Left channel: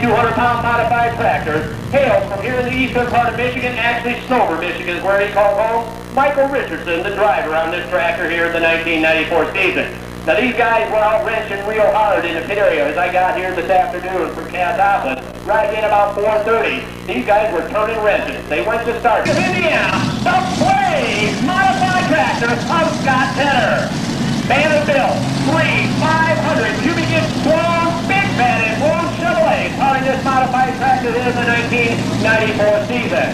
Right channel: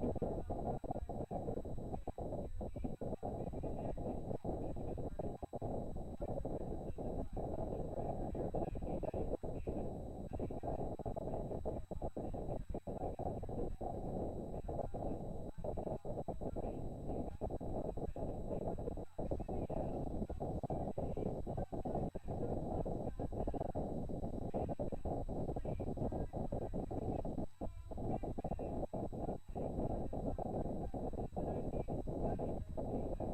7,200-pound modified tractor, hails from here in the eastern part of Michigan, actually Snover, Michigan is where he calls home. Michael Richardson, the driver on this tractor here in the 1994 season. Now these guys were out wrenching real hard in the pit area as I got here this afternoon from Cassopolis, right in about 4:30. These guys were turning wrenches. They went to start. Indiana, the Blaze modified tractor of Scott Tenner. Vanderbilt, 500 cubic inch strong, big bed and long Chevrolet powering this modified tractor in the 1994 season.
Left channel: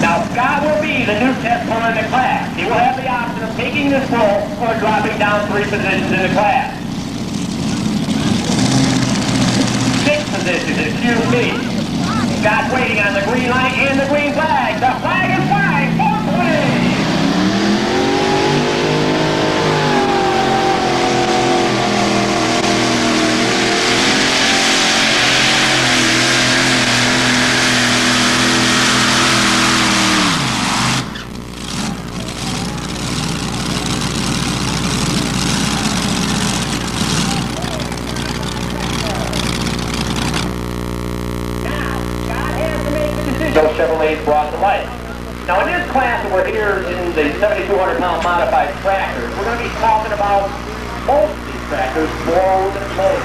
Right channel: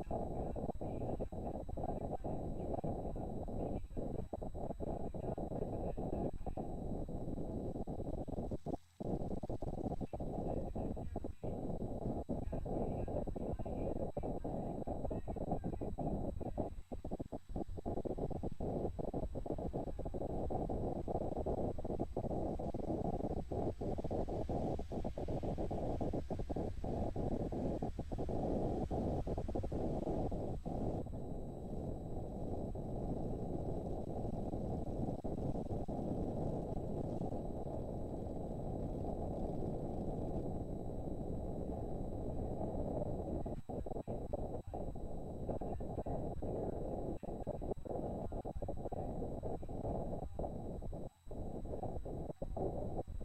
Now Scott will be the new test puller in the class. He will have the option of taking this pull or dropping down 3 positions in the class. 6 positions, excuse me. Scott waiting on the green light and the green flag. The flag is flying. 420. Those Chevrolets brought to life. Now in this class that we're here in the 7,200-pound modified tractors, we're going to be talking about most of these tractors, blown motors.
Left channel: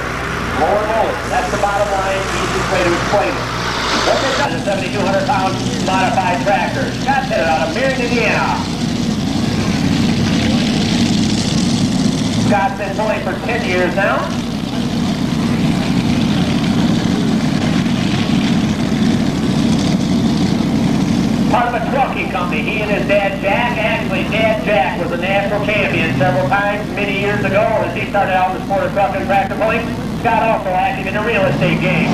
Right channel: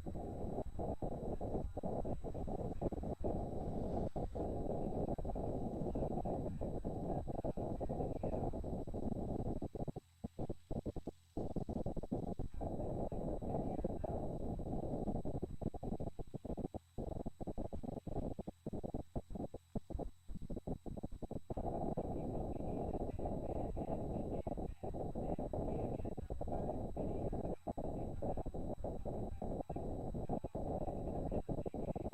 Blown motors. That's the bottom line, easiest way to explain it. What they've done is 7,200-pound modified tractors. Got that out of Marion, Indiana. Scott's been pulling for 10 years now. Part of a trucking company. He and his dad Jack, actually Dad Jack was a national champion several times many years ago as he started out in the sport of truck and tractor pulling. Scott also active in the real estate game.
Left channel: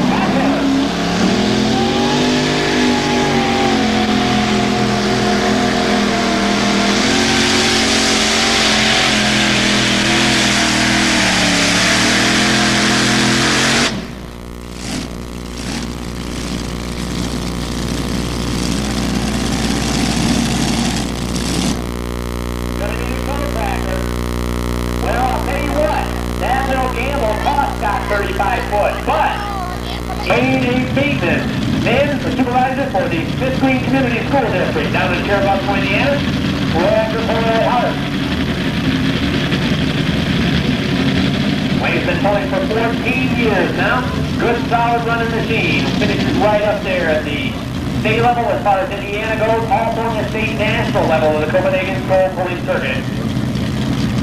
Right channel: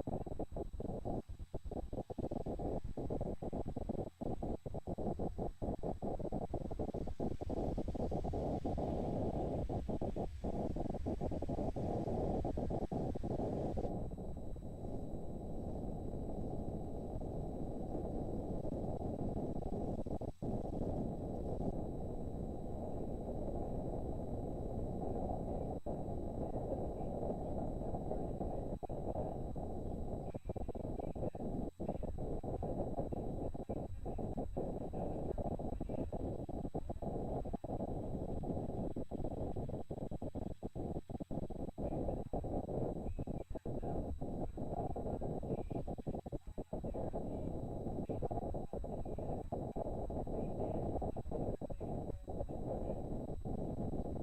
Scott 35 foot, but ain't beating it. Then the supervisor for the Fifth Green Community School District down in Cherokee, Indiana, Roger Hart. Wayne's been pulling for 14 years now. Good solid running machine. Finishes right up there at the state level as far as Indiana goes, also on the state national level of the Copenhagen School Pulling Circuit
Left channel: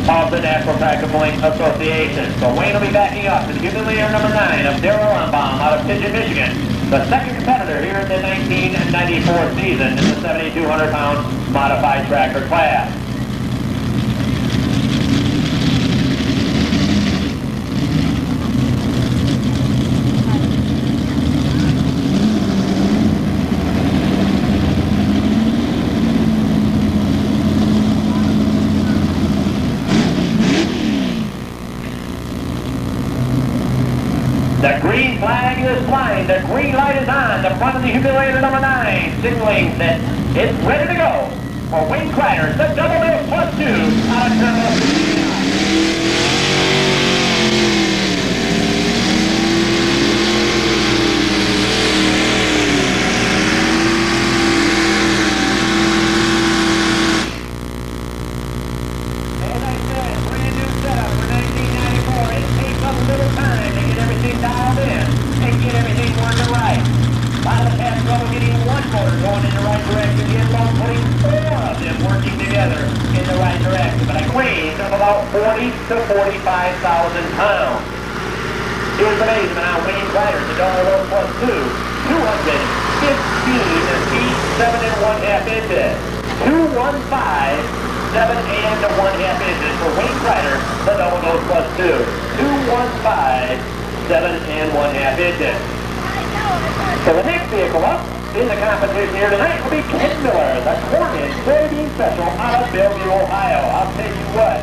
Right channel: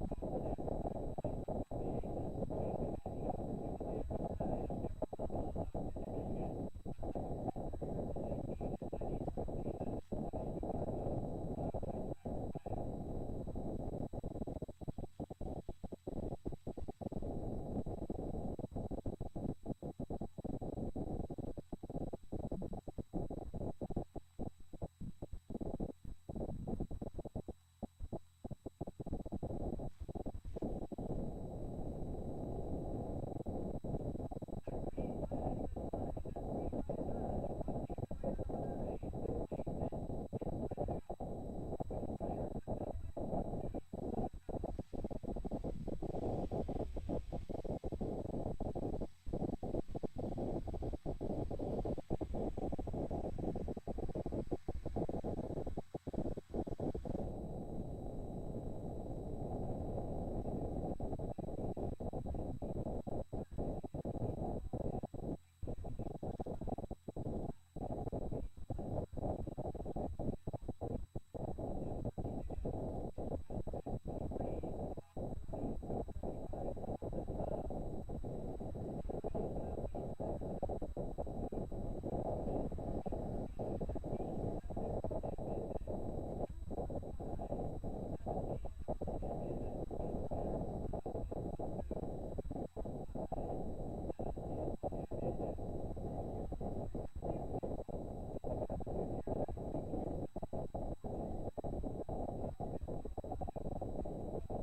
of the National Tractor Pulling Association. So Wayne will be backing up to the Humiliator number 9 of Darrell Unbaum out of Pigeon, Michigan. The second competitor here in the 1994 season in the 7,200-pound modified tractor class. The green flag is flying. The green light is on. The front of the Humiliator number 9 signaling that it's ready to go for Wayne Kreider, the double mill plus 2 out of Turbo. Dialed in and get everything working right. A lot of us have trouble getting one motor going in the right direction, yet alone putting 4 of them working together in the right direction. But a weight of about 40 to 45,000 pounds. Here's the amazement on Wayne Kreider, the double plus 2, 215 feet, 7 1/2 inches. 215, 7 1/2 inches for Wayne Kreider, the double plus 2. 215. 7 1/2 inches. So the next vehicle up in the competition here tonight will be Ken Miller, the Cornet soybean special out of Bellevue, Ohio. I'll tell you what,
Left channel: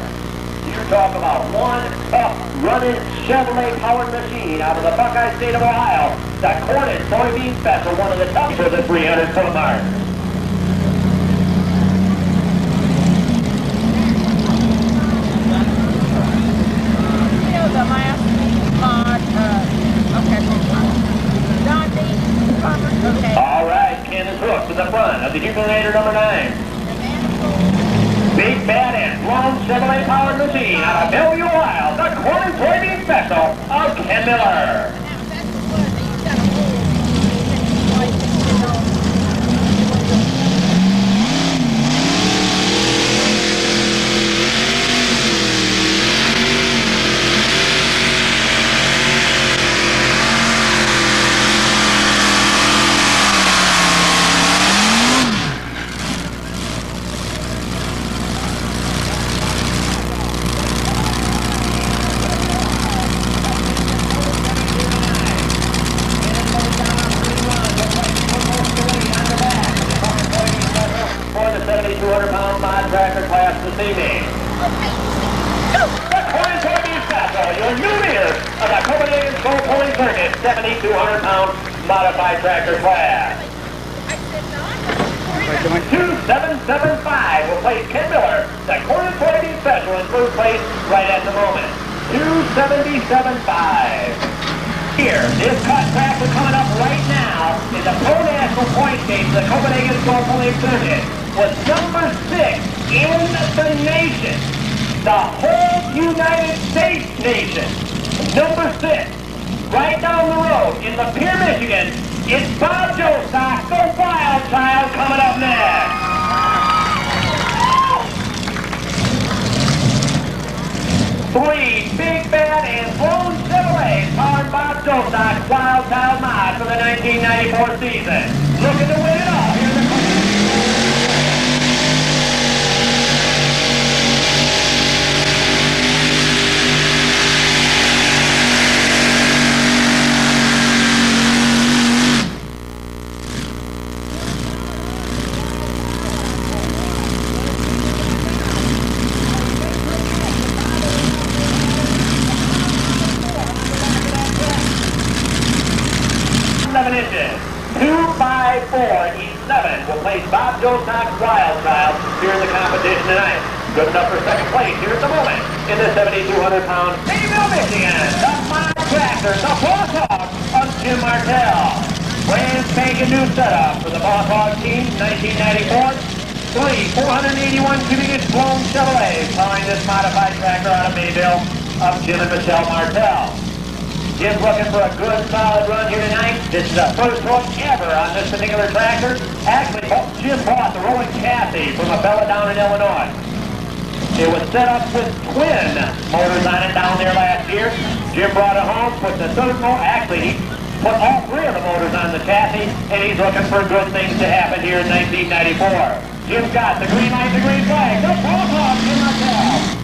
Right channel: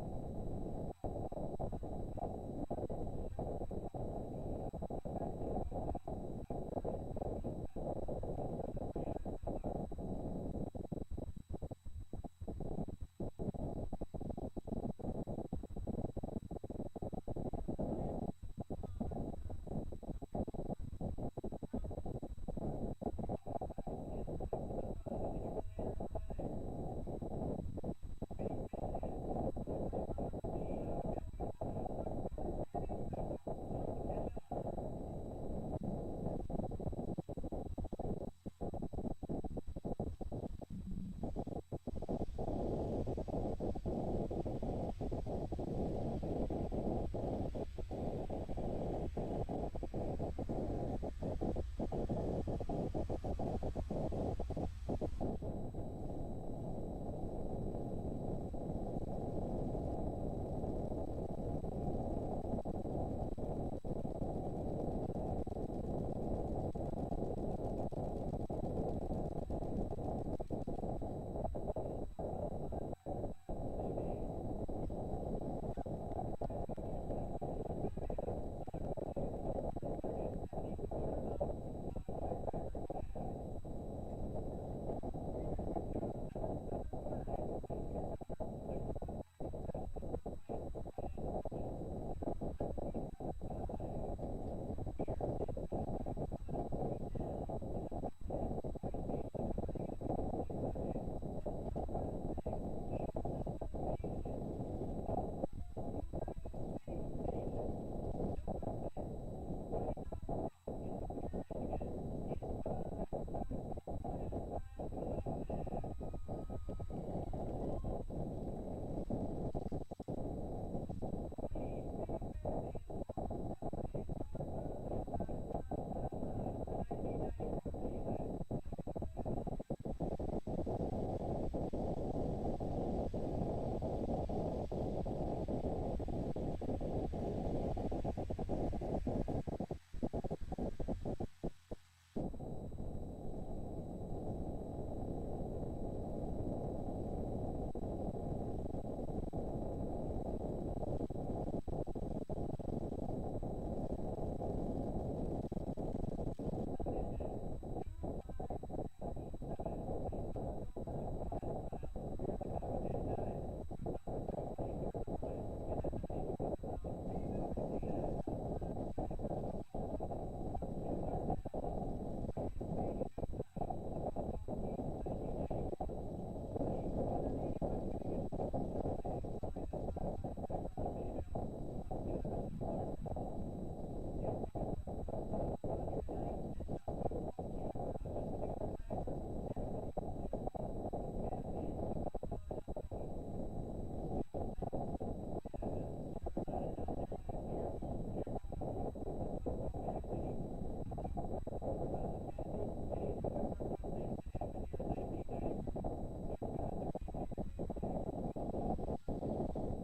you talk about one tough running Chevrolet powered machine out of the Buckeye State of Ohio. The Cornet soybean special, one of the toughest for the 300-foot mark. the front of the Humiliator number 9. Big Bad and long Chevrolet powered machine out of Bellevue, Ohio, the corn and soybean special of Ken Miller. Tractor class this evening. The corn and soybean special, your new leader of the Copenhagen Soul Pulling Circuit 7,200-pound modified tractor class. 2775 will place Ken Miller, the corn and soybean special, in third place right at the moment. 2775. Here, this cut tractor coming up right now is a Pro National point stage of the Copenhagen Soul Pulling Circuit. Was number 6 in the nation, the whole United States nation. Number 6, right down the road in Lapeer, Michigan, it's Bob Jostock, the Wild Child, coming up next. 3 Big Bad and Blown Chevrolet powered Bob Jostock Wild Child mod for the 1994 season. Looking to win it all here in the inches. 2x4 E7 will place Bob Jostock's Wild Child here in the competition tonight. Good enough for second place here at the moment in the 7,200-pound Mayville, Michigan. The mod tractor, the Boss Hog of Jim Martell. Brand spanking new setup for the Boss Hog team, 1994. 3 481 cubic inch blown Chevrolets powering this modified tractor out of Mayville of Jim and Michelle Martell. Jim's looking for a good, solid run here tonight. This is the first hook ever on this particular tractor. Actually, Jim bought the rolling chassis from a fella down in Illinois. It was set up with twin motors on it down there last year. Jim brought it home, put the third motor, actually, he put all 3 of the motors on the chassis, and he's looking for good things to happen here in 1994. Jim's got the green light, the green flag. The Boss Hog, Jim Martell.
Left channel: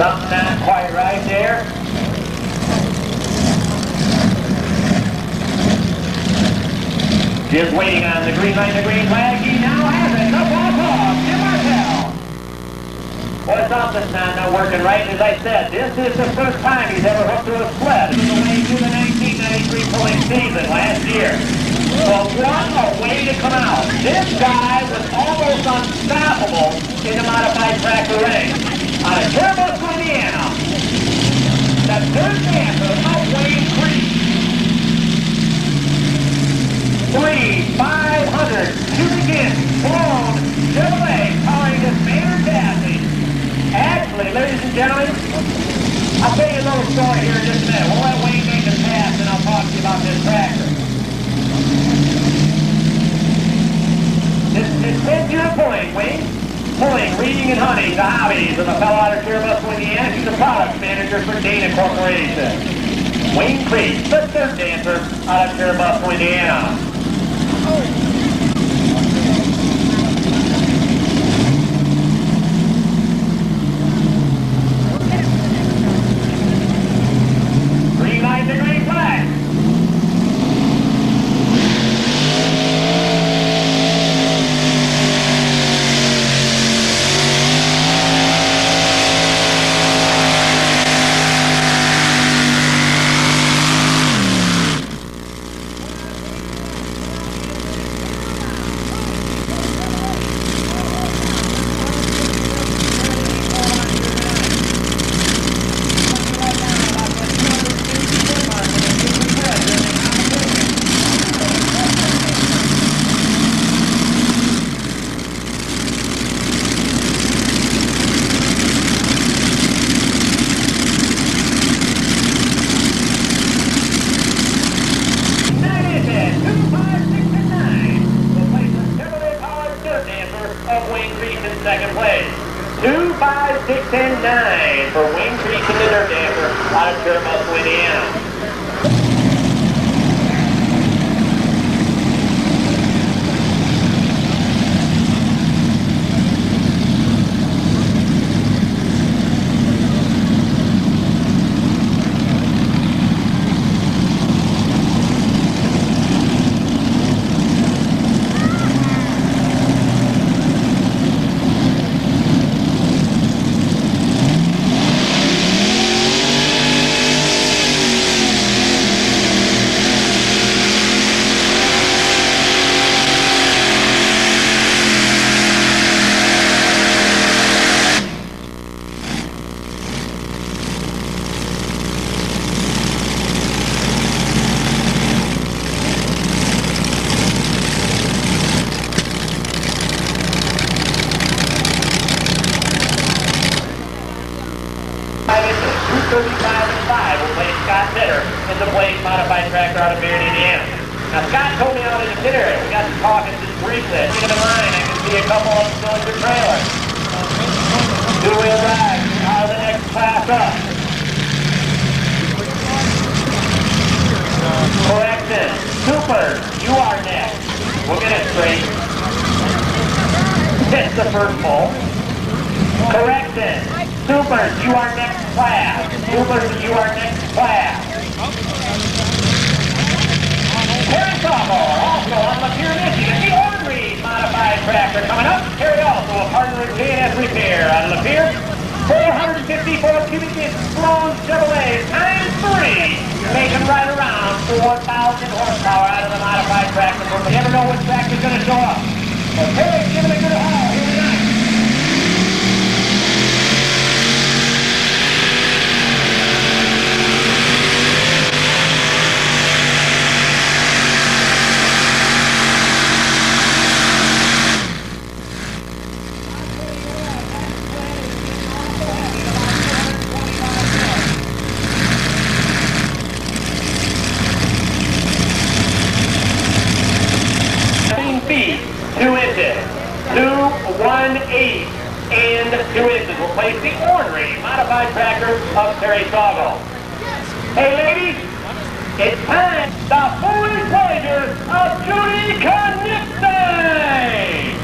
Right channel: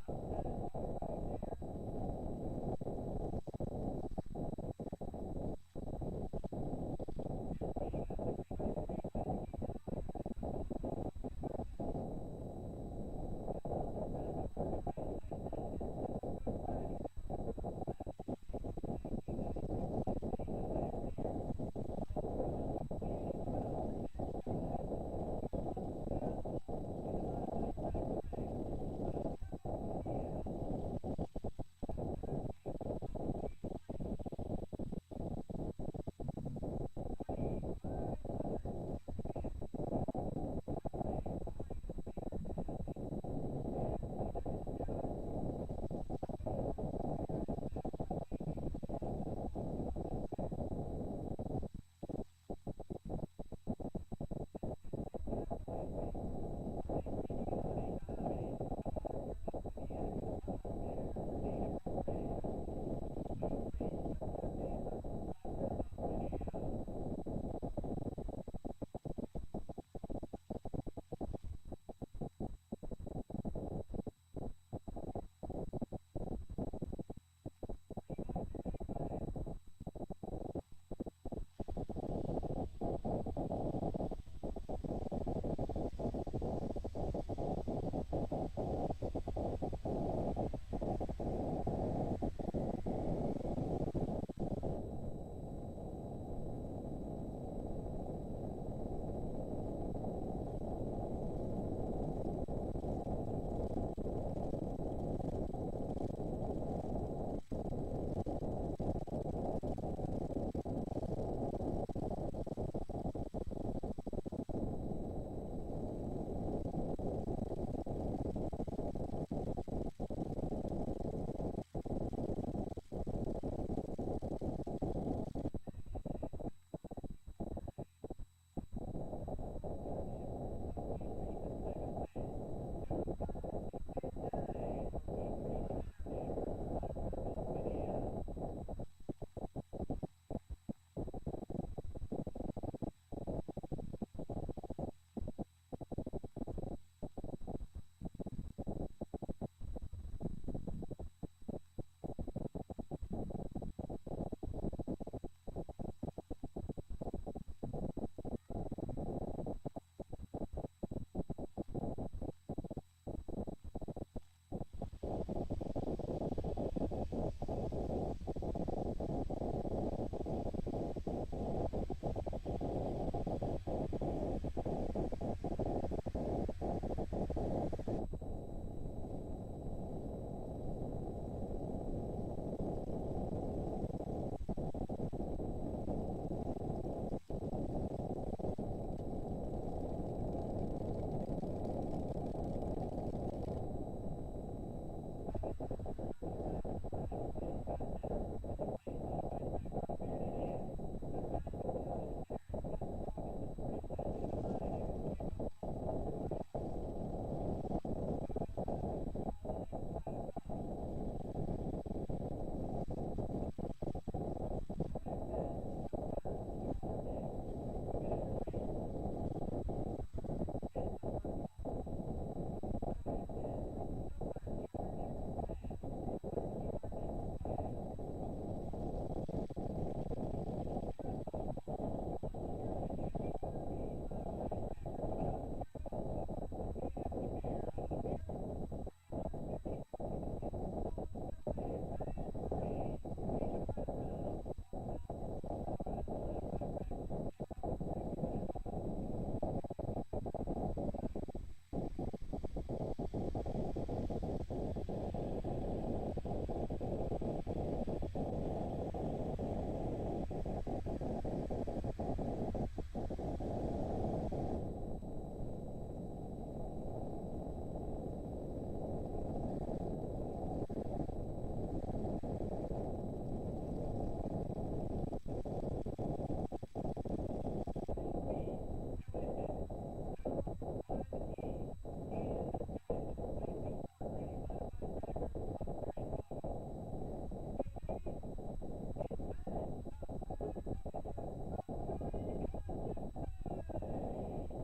Something not quite right there. Jim's waiting on the green light, the green flag. He now has it. The Boss Hog, Jim Martell. Boy, something's not working right. As I said, this is the first time he's ever hooked to a sled. This is the way through the 1993 pulling season last year. But what a way to come out. This guy was almost unstoppable in the modified tractor race. Out of Terrebonne, Indiana, the third dancer of Wayne Creek. 3 500 cubic inch blown Chevrolet powering this Maynard chassis. Actually, ladies and gentlemen, I'll tell you a little story here in just a minute. We'll let Wayne make his pass and I'll talk to you about this tractor. It's 10 year pulling, Wayne. Pulling, reading, and hunting, the hobbies of the fellow out of Terrebonne, Indiana. He's a product manager for Dana Corporation. Wayne Creek, the third dancer out of Terrebonne, Indiana. Green light, the green flag. 5, 6, and 9 for Wayne Creek and the Dirt Dancer out of Cherubusco, Indiana. Modified tractor out of Beard, Indiana. Now, Scott told me out in the pit area. We got to talking just briefly. At the end of the line, I can see a couple of them still in the trailer. Two-wheel drive out of the next class up. Correction. Super, you are next. We'll get it straight. Hit the first pole. Correction. Supers, you are next class. Supers, you are next class. Also on Lapeer, Michigan, the Wolverine modified tractor coming up. Terry also a partner in K&S Repair out of Lapeer. 454 cubic inch Sloan Chevrolet times 3. Making right around 4,000 horsepower out of the modified tractor. You never know which tractor's going to show up. So Terry, give it a good haul. Here we go. Feet, 2 inches, 218 and 2 inches will place the ornery modified tractor of Terry Sawville. Hey ladies, it's time, the foolish pleasure of Judy Knipstein!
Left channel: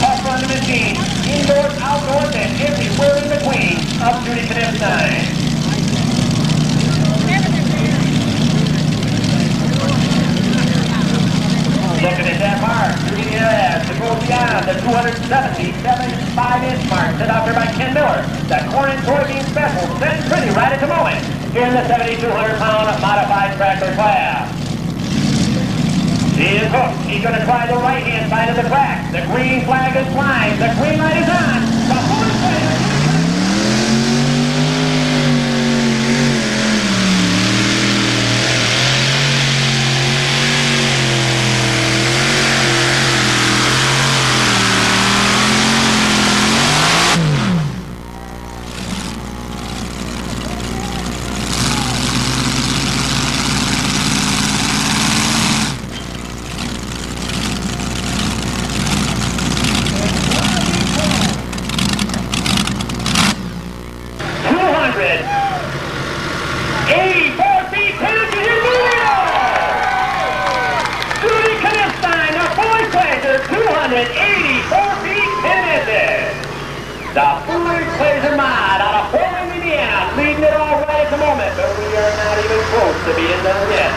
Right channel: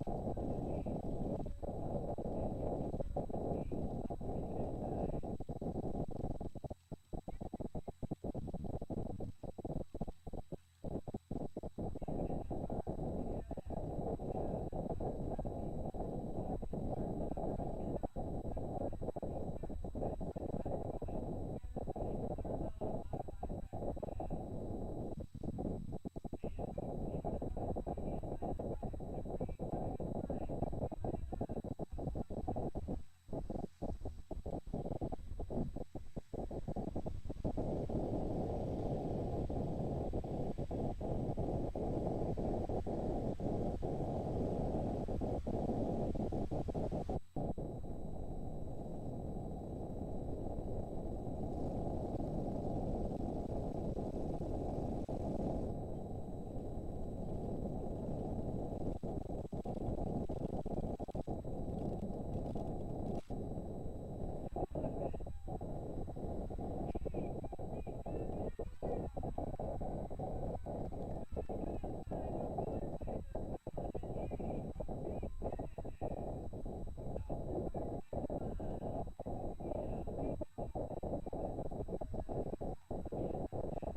Tough run the machine, indoors, outdoors, and everywhere in between. Up Judy Knipstein. Looking at that mark, Judy to go beyond the 277.5-inch mark set out there by Ken Miller. The corn and soybean special sitting pretty right at the moment here in the 7,200-pound modified tractor class. He is hooked. He's going to try the right-hand side of the track. The green flag is flying. The green light is on. The horse player. The Wolverine Pleasure Mod out of Wolverine, Indiana, leading it all right at the moment, but we are not even close to being done yet.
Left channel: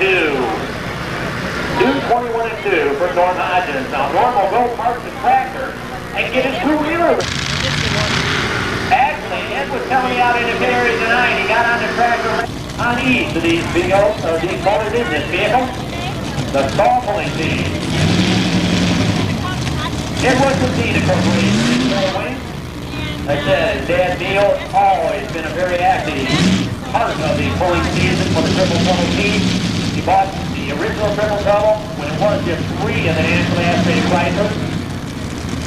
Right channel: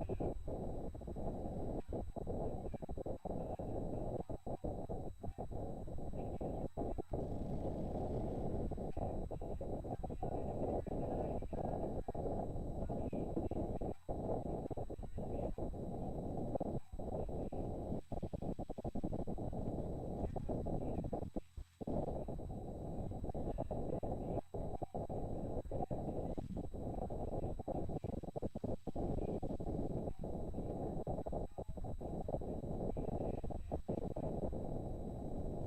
2. 2:21 and 2 for Norm Hodgins. Now Norm will go park the tractor and get his two-wheeler. Actually, Ed was telling me out in the pit area tonight, he got on the tractor on each of these vehicles, or these motors in this vehicle, the stall pulling team. It was indeed a corporation in Wolverine. Like I said, his dad Neil has always been a very active part of the pulling season for the Triple Trouble team. He bought the original Triple Trouble when it was just 3 of the nationally aspirated Chrysler.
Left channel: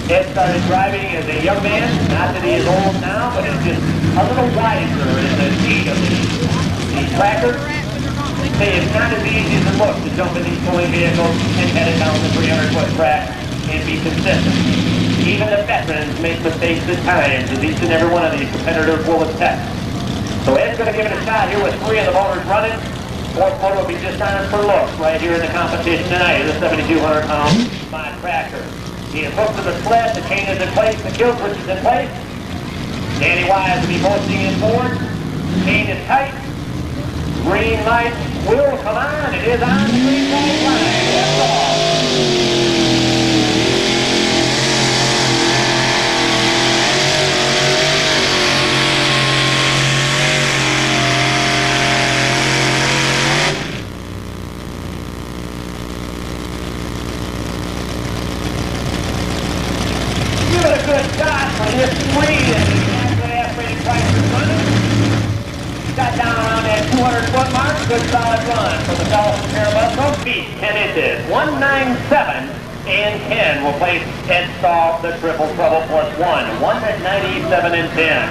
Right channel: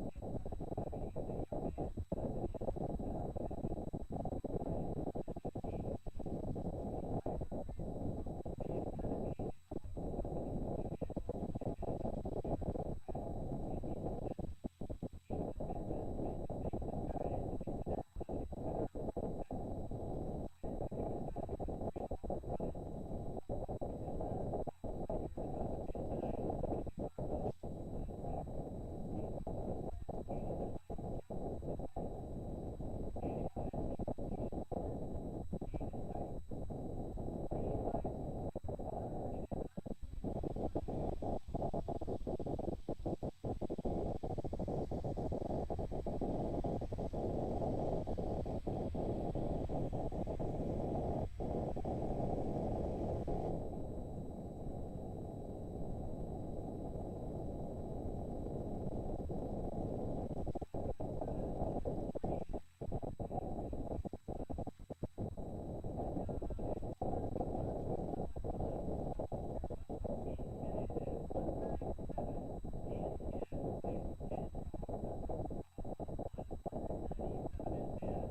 Ed started driving as a young man, not that he is old now, but it's just a little wiser in the need of these tractors. Say it's not as easy as it looks to jump in these pulling vehicles and head it down the 300-foot track and be consistent. Even the veterans make mistakes at times, as each and every one of these competitors will attest. So Ed's going to give it a shot here with 3 of the motors running. Fourth motor will be just on for looks right here in the competition tonight of the 7,200-pound mod tractor. He is hooked to the sled, the chain is in place, the kill switch is in place. Danny Wise will be posting in forward. Chain is tight. Green light will come on. It is on the green light line. That's all. Good shot for this 3 that the nationally aspirated Chrysler running. Got down around that 200-foot mark. Good solid run for the fellow from Parabusko. Feet 10 inches. 197 and 10 will place Ed Stahl the Triple Trouble plus 1. 197 and 10.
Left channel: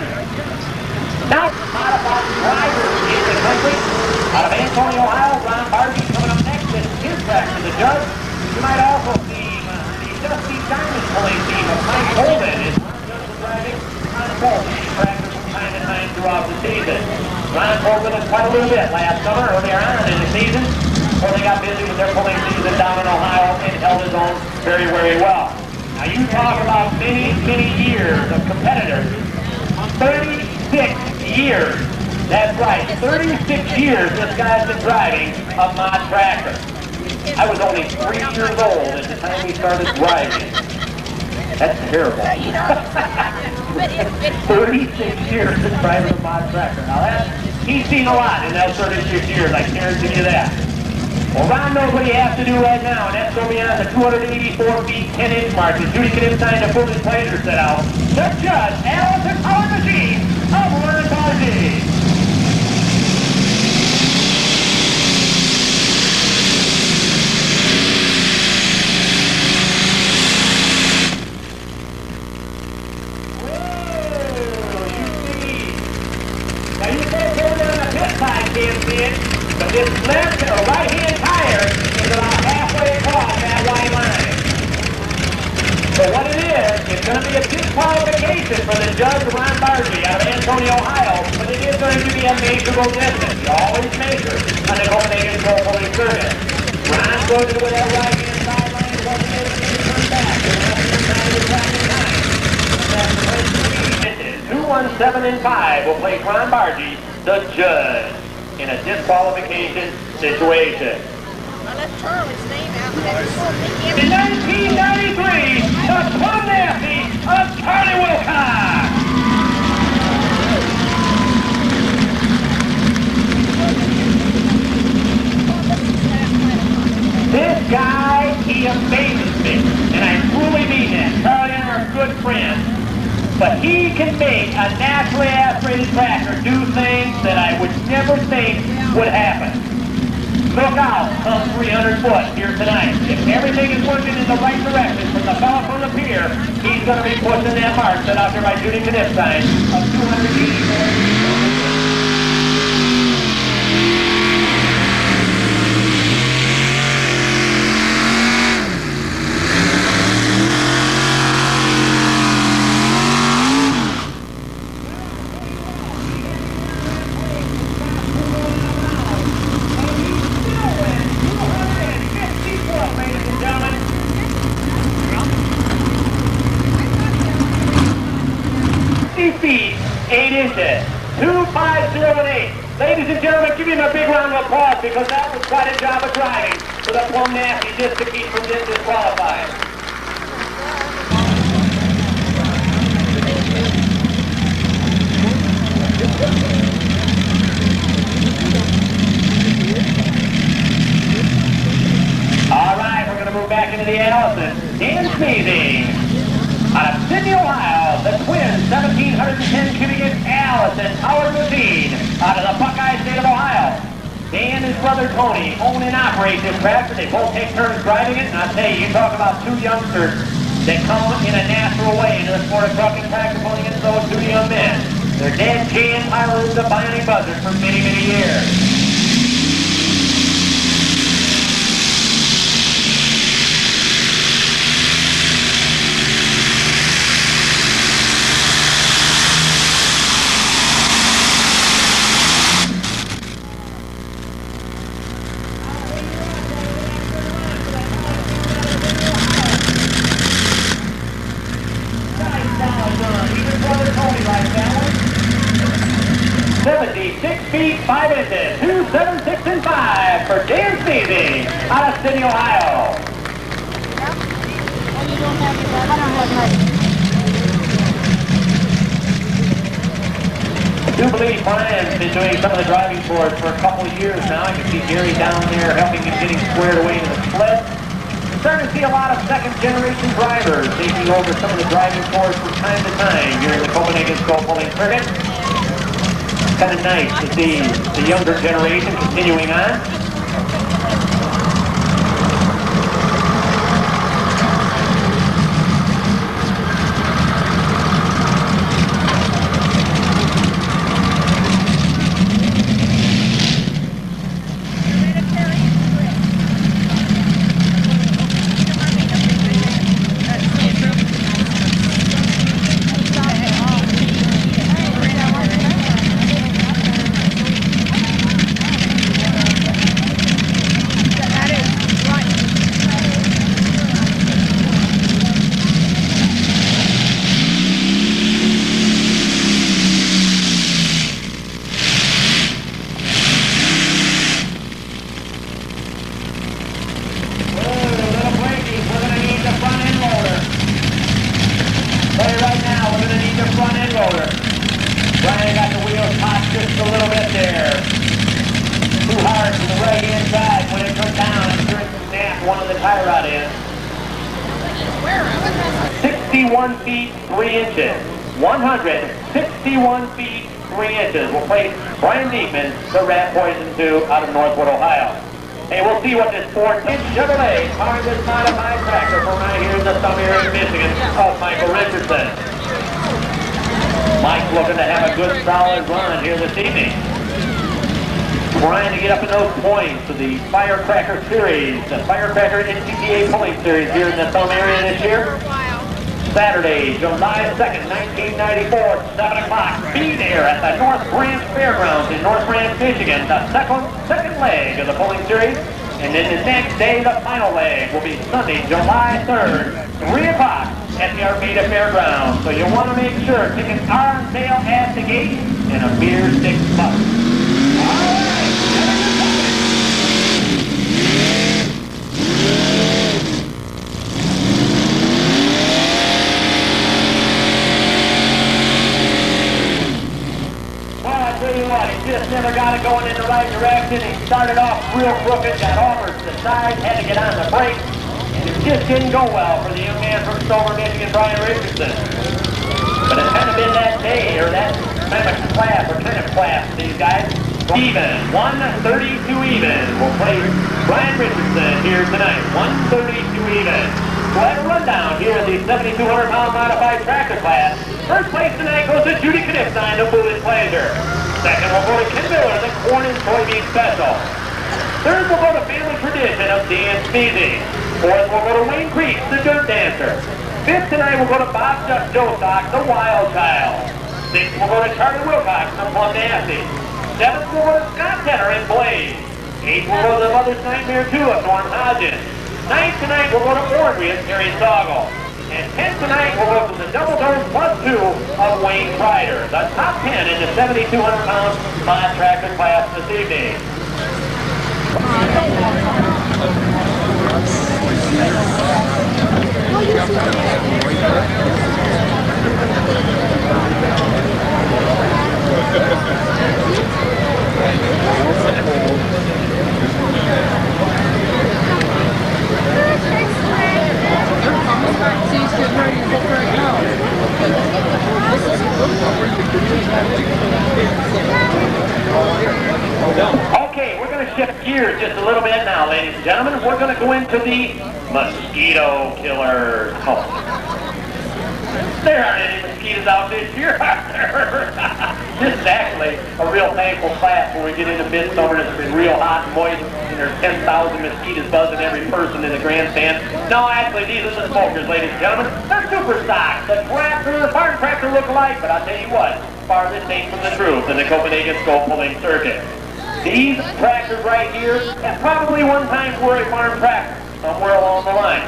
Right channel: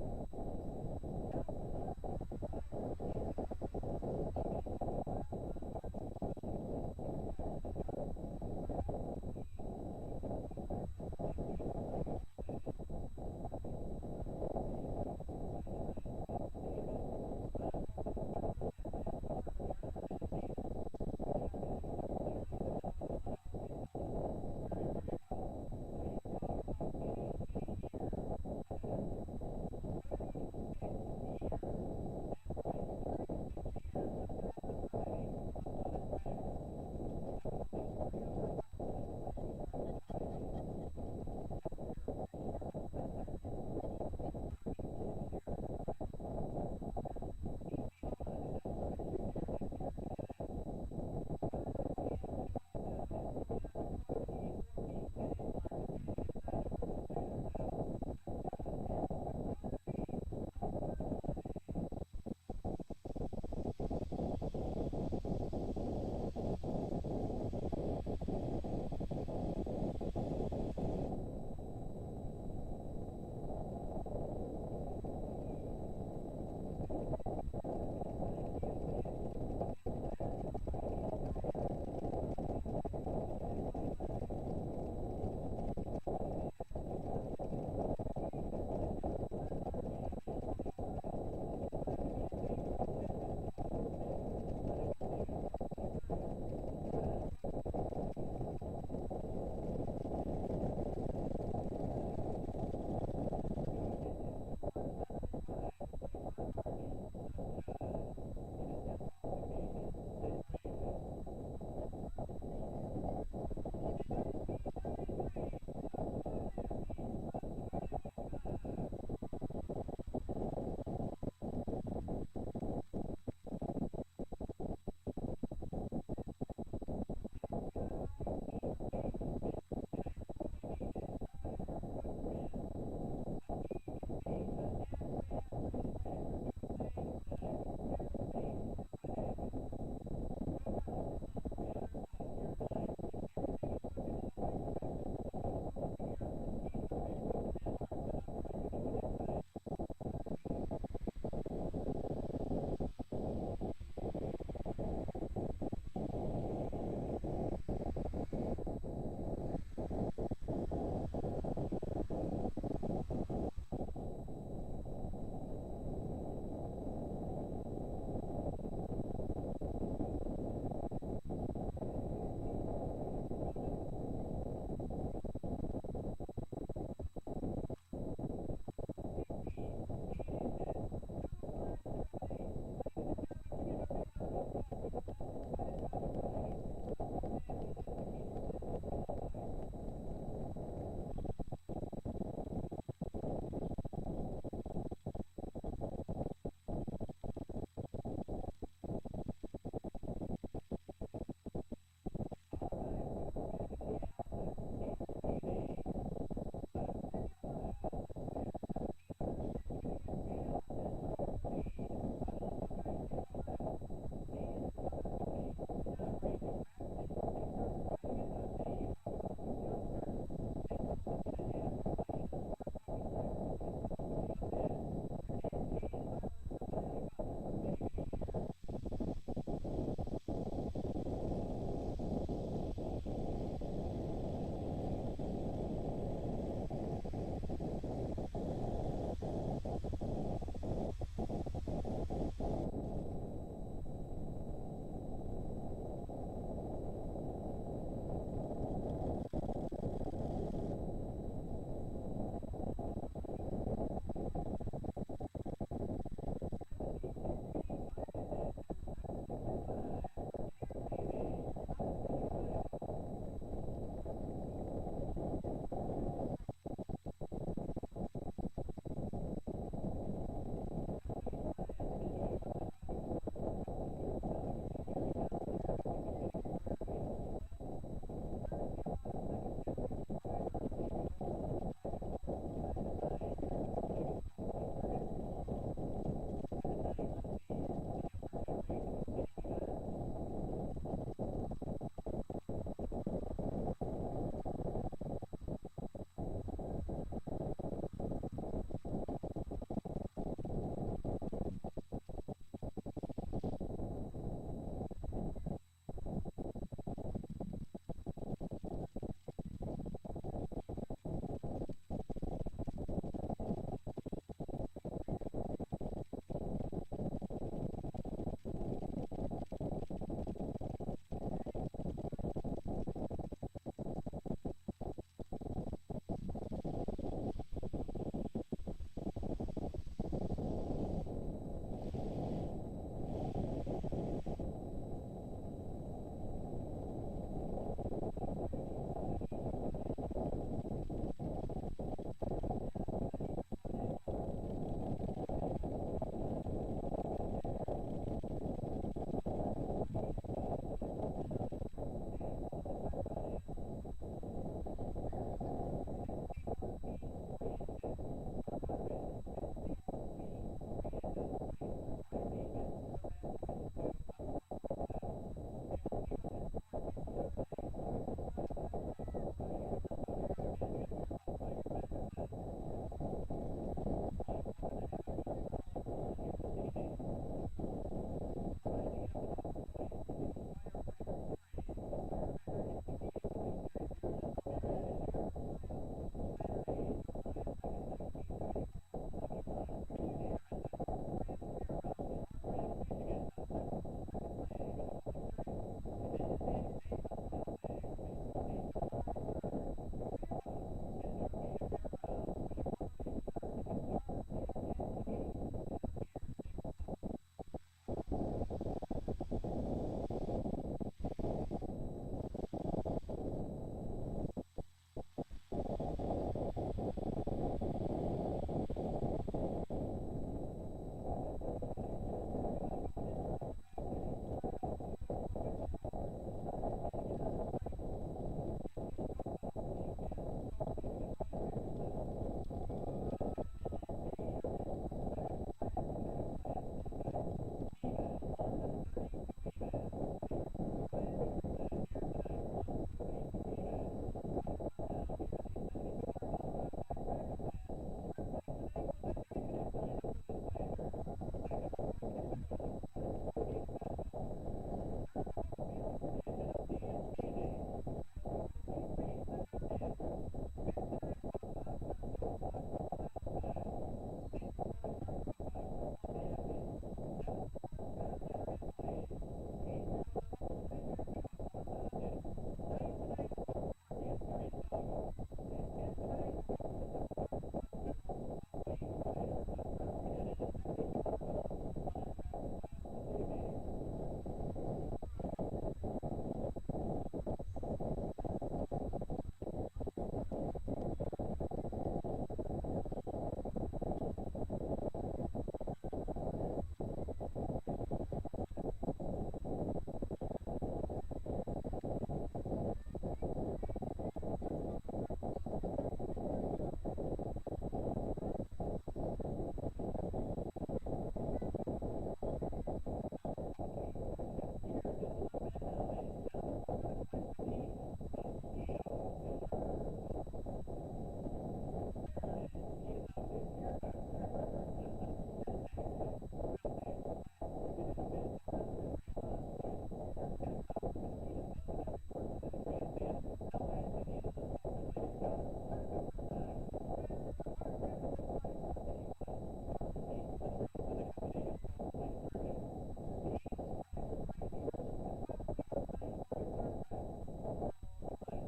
Now, modified drivers in the country. Out of Antonio, Ohio, Ron Bargy coming up next with his track to the judge. You might also see Dusty Diamond pulling team of Mike Holden is driving on both tractors from time to time throughout the season. Ron pulled with us quite a little bit last summer, earlier on in the season, before they got busy with their pulling season down in Ohio and held his own very, very well. Now you talk about many, many years of competitors. 36 years. That's right, 36 years this guy's been driving a mod tractor. I was only 3 years old at the time he started driving. That's terrible. 36 years of driving a mod tractor. Now he's seen a lot in those 36 years, I guarantee you that. Well, Ron knows what he has to do right now, and that's going to be on the 284 feet, 10-inch mark. As Judy can sign the full disclosure set out. The judge, Allison Power Machine of Ron Bargy. But this left or right-hand tire is about halfway across that white line. So what it is, it's going to be a disqualification for the judge, Ron Bargy, out of Antonio, Ohio, but it is going to be a measurable distance. You always measure on the Copenhagen Pro-Pulling Circuit. Ron goes to that right-hand sideline, wasn't able to turn back. That's 217 and 5 will place Ron Bargy, the judge, in a disqualification situation. Well, that's Charlie's name out there. In 1993, the Plum Nasty of Charlie Wilcox. This guy, he amazes me, and I truly mean that. Charlie and I are good friends. But he can make a naturally aspirated tractor do things that I would never think would happen. Look out, come 300 foot here tonight. If everything is working in the right direction from the fellow from the pier, he's going to be pushing that mark set out there by Judy Knipstein of 284. feet, 8 inches. 25018. Ladies and gentlemen, give him a big round of applause because that was quite a job of driving for the plumb nasty just to keep from getting disqualified. All right, we're going to move back into the Allison. Dan Sneezing. Out of Sydney, Ohio, the twin 1,710 cubic inch Allison powered machine out of the Buckeye State of Ohio. Dan and his brother Tony own and operate this tractor. They both take turns driving it, and I'll tell you, you talk about two youngsters that come in a natural way into the sport of trucking tractor pulling into those two young men. Their dad, Jay and pilots of Bionic Buzzards for many, many years. For Dan Sneezing out of Sydney, Ohio. I do believe Brian's been doing some of the driving for us for a couple of years now. I can see Gary down there helping him getting squared away to the sled. I'm starting to see a lot of second-generation drivers taking over some of the driving tours from time to time here in the Copenhagen Scope Pulling Circuit. It's kind of nice to see the younger generation continuing on. Brian got the wheels hot just a little bit there. Too hard to the right-hand side when it comes down. I'm sure it snapped one of the tie rod ends. 61 feet 3 inches. 161 feet 3 inches. We'll place Brian Diekman, the Rat Poison 2 out of Northwood, Ohio. Hey, we'll see what this 4-inch Chevrolet powering this modified tractor from right here in the summer area of Michigan of Michael Richardson. Mike's looking to have a good solid run here this evening. Trying to get up in those points of the Firecracker Series, the Firecracker NTPA Pulling Series here in the Thumb area this year. Saturday, July 2nd, 1994, 7 o'clock. Be there at the North Branch Fairgrounds in North Branch, Michigan, the second leg of the Pulling Series. And then the next day, the final leg will be Sunday, July 3rd, 3 o'clock at the Armada Fairgrounds. So you'll want to make sure tickets are on sale at the gate and a mere $6. All right. He just never got it going in the right direction. He started off real crooked, got over to the side, had to get on the brake, and it just didn't go well for the young man from Stover, Michigan, Brian Richardson. But it's kind of been that day, or that kind of class for these guys. Even, 132 even. We'll play Brian Richardson here tonight, 132 even. We'll have a rundown here in the 7,200-pound modified tractor class. First place tonight goes to Judy Knipstein, the Foolish Pleasure. Second, we'll go to Ken Miller, the Corn and Soybean Special. Third, we'll go to Family Tradition of Dan Sneezing. Fourth, we'll go to Wayne Creek, the Dirt Dancer. Fifth tonight, we'll go to Bob Jostock, the Wild Child. Sixth, we'll go to Charlie Wilcox, the Plum Nasty. Seventh, we'll go to Scott Tenner and Blaze. Eighth, we'll go to the Mother's Nightmare 2 of Norm Hodgins. Ninth tonight, we'll go to Ornery and Terry Soggle. And 10 tonight will go to the double dose +2 of Wayne Ryder, the top 10 in the 7,200-pound mod tractor class this evening. Okay, we're going to shift gears just a little bit now, ladies and gentlemen. We're going to go into the mosquito killer cult. There aren't any mosquitoes out this year, are there? This is actually a real thankful class when we get into midsummer and it's been real hot and moist and there's 10,000 mosquitoes buzzing every person in the grandstand. No, actually, these are the smokers, ladies and gentlemen. They're super stocks. The tractor, the farm tractor look alike, but I'll tell you what, farthest ain't from the truth in the Copenhagen scope pulling circuit. These tractors right here at probably one time were a farm tractor somewhere along the line.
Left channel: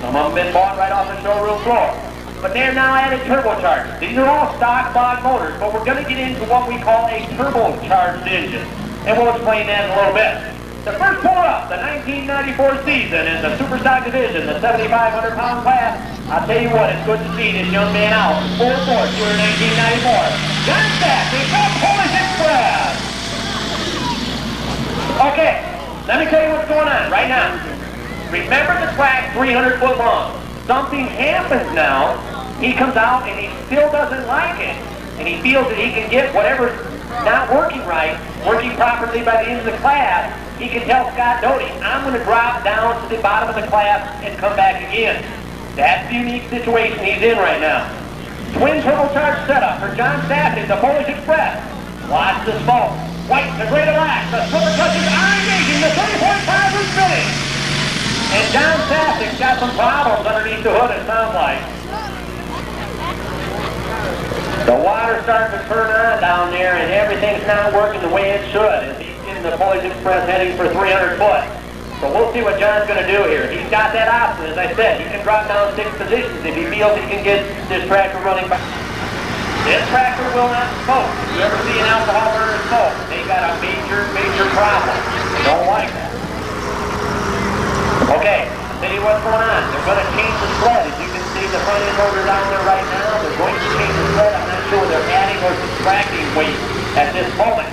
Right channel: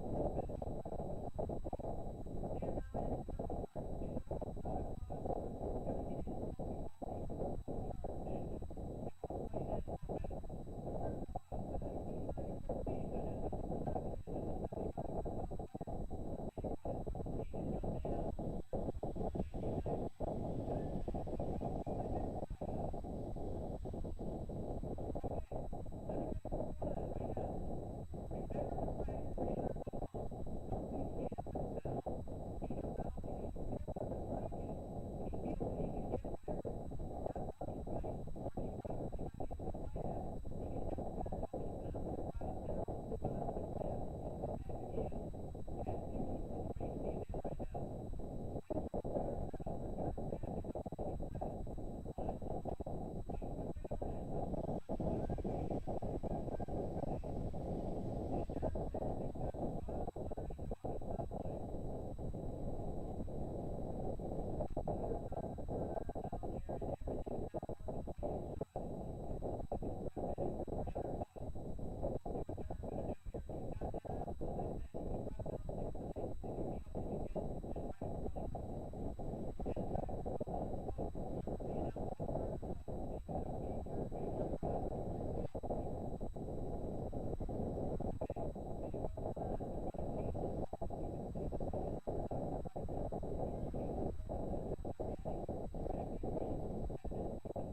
Some of them been bought right off the showroom floor. But they're now added turbochargers. These are all stock bod motors, but we're going to get into what we call a turbocharged engine. And we'll explain that in a little bit. The first pull-up, the 1994 season in the Superstock division, the 7,500-pound class. I'll tell you what, it's good to see this young man out. Full force here in 1994. John Stafford from Polish Express. Okay, let me tell you what's going on right now. Remember the track 300 foot long. Something happens now. He comes out and he still doesn't like it. And he feels that he can get whatever's not working right, working properly by the end of the class. He can tell Scott Doty, I'm going to drop down to the bottom of the class and come back again. That's the unique situation he's in right now. Twin turbocharged setup for John Stafford, the Polish Express. Watch the smoke. White, the great relax. The silver touches are engaging. The 3.5 is spinning. And John Stafford's got some problems underneath the hood, it sounds like. The water's starting to turn on down there, and everything's not working the way it should. As he's getting the Polish Express heading for 300 foot. So we'll see what John's going to do here. He's got that option, as I said. He can drop down 6 positions if he feels he can get this tractor running back. This tractor will not smoke. If you ever see an alcohol burner smoke, they got a major, major problem. They don't like that. Okay, I'll tell you what's going on. They're going to change the sled. As you can see, the front end motor down there right now. They're going to change the sled. I'm not sure they're adding or subtracting weight at this moment.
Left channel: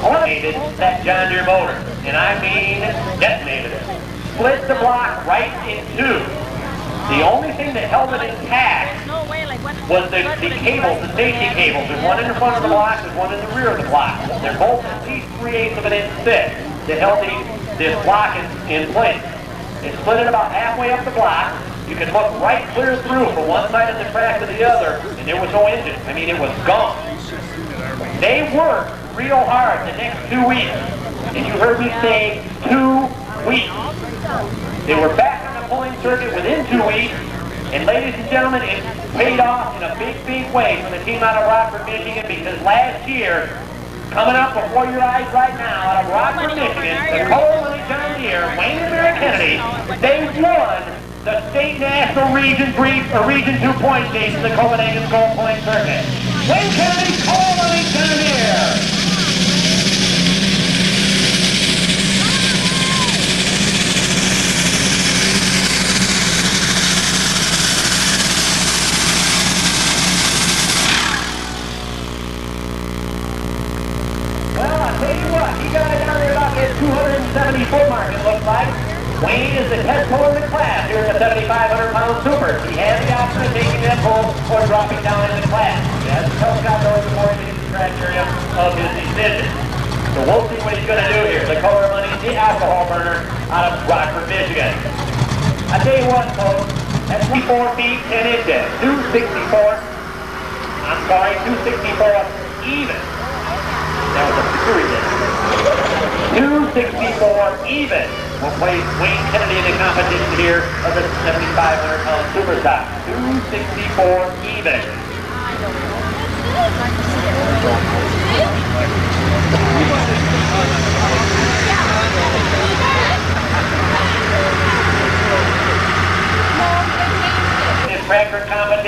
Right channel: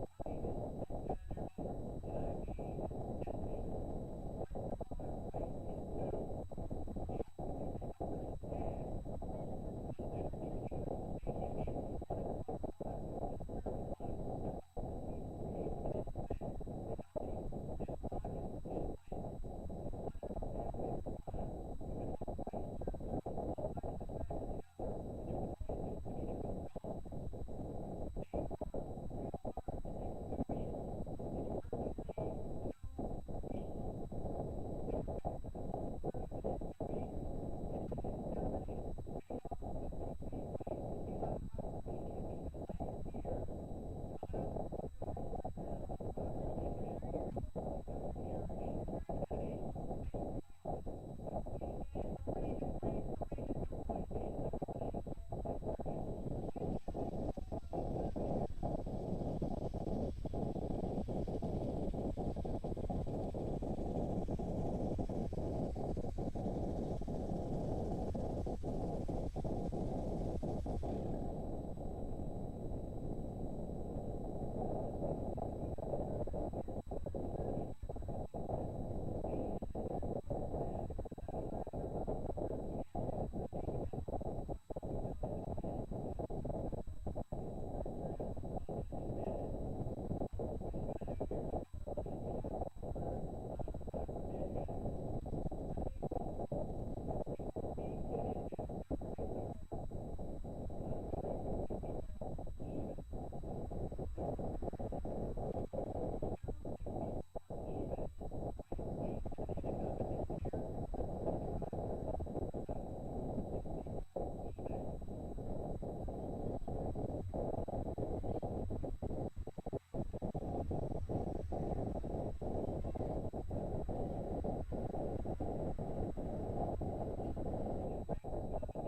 Eliminated that John Deere motor, and I mean detonated it. Split the block right in 2. The only thing that held it intact was the cables, the safety cables. There's one in the front of the block, there's one in the rear of the block. They're both at least 3/8 of an inch thick that held this block in place. They split it about halfway up the block. You could look right clear through from one side of the track to the other, and there was no engine. I mean, it was gone. They worked real hard the next 2 weeks. And you heard me say 2 weeks. They were back on the pulling circuit within 2 weeks. And ladies and gentlemen, it paid off in a big, big way for the team out of Rockford, Michigan, because last year, coming up before your eyes right now, out of Rockford, Michigan, the Cole and John Deere, Wayne and Mary Kennedy, they won the state national Region 3 or Region 2 point chase in the Copenhagen Gold Point Circuit. Wayne Kennedy, Cole and John Deere. He got it down there about that 270 foot mark, it looks like. Wayne is the test puller in the class here in the 7,500-pound super. He has the option of taking that pull or dropping down in the class. He has to tell Scott Rose before he gets the criteria of his decision. So we'll see what he's going to do here. The color money, the alcohol burner out of Rockford, Michigan. I tell you what, folks, that's 24 feet 10 inches. 264. I'm sorry, 264 even. That was a series there. 264 even will place Wayne Kennedy in the competition here of the 7,500-pound superstock. 264 even.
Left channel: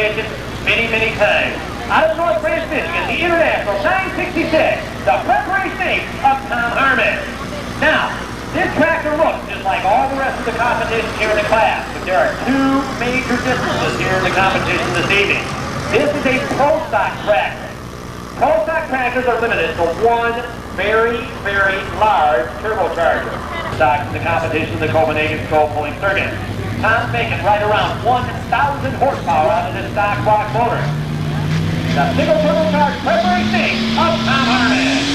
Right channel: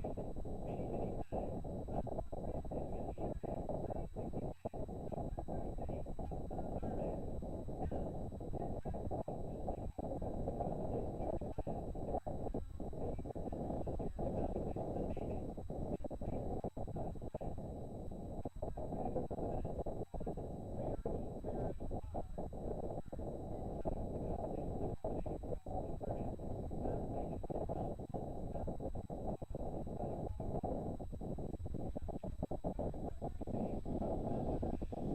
competition many, many times. Out of North Branch, Michigan, the International 966, the preparation 8 of Tom Harmon. Now, this tractor looks just like all the rest of the competition here in the class, but there are two major differences here in the competition this evening. This is a pro stock tractor. Pro stock tractors are limited to one very, very large turbocharger. Stock in the competition, the Copenhagen Skull Pulling Circuit. Tom's making right around 1,000 horsepower out of this stock block motor. The single turbocharged preparation 8 of Tom Harmon.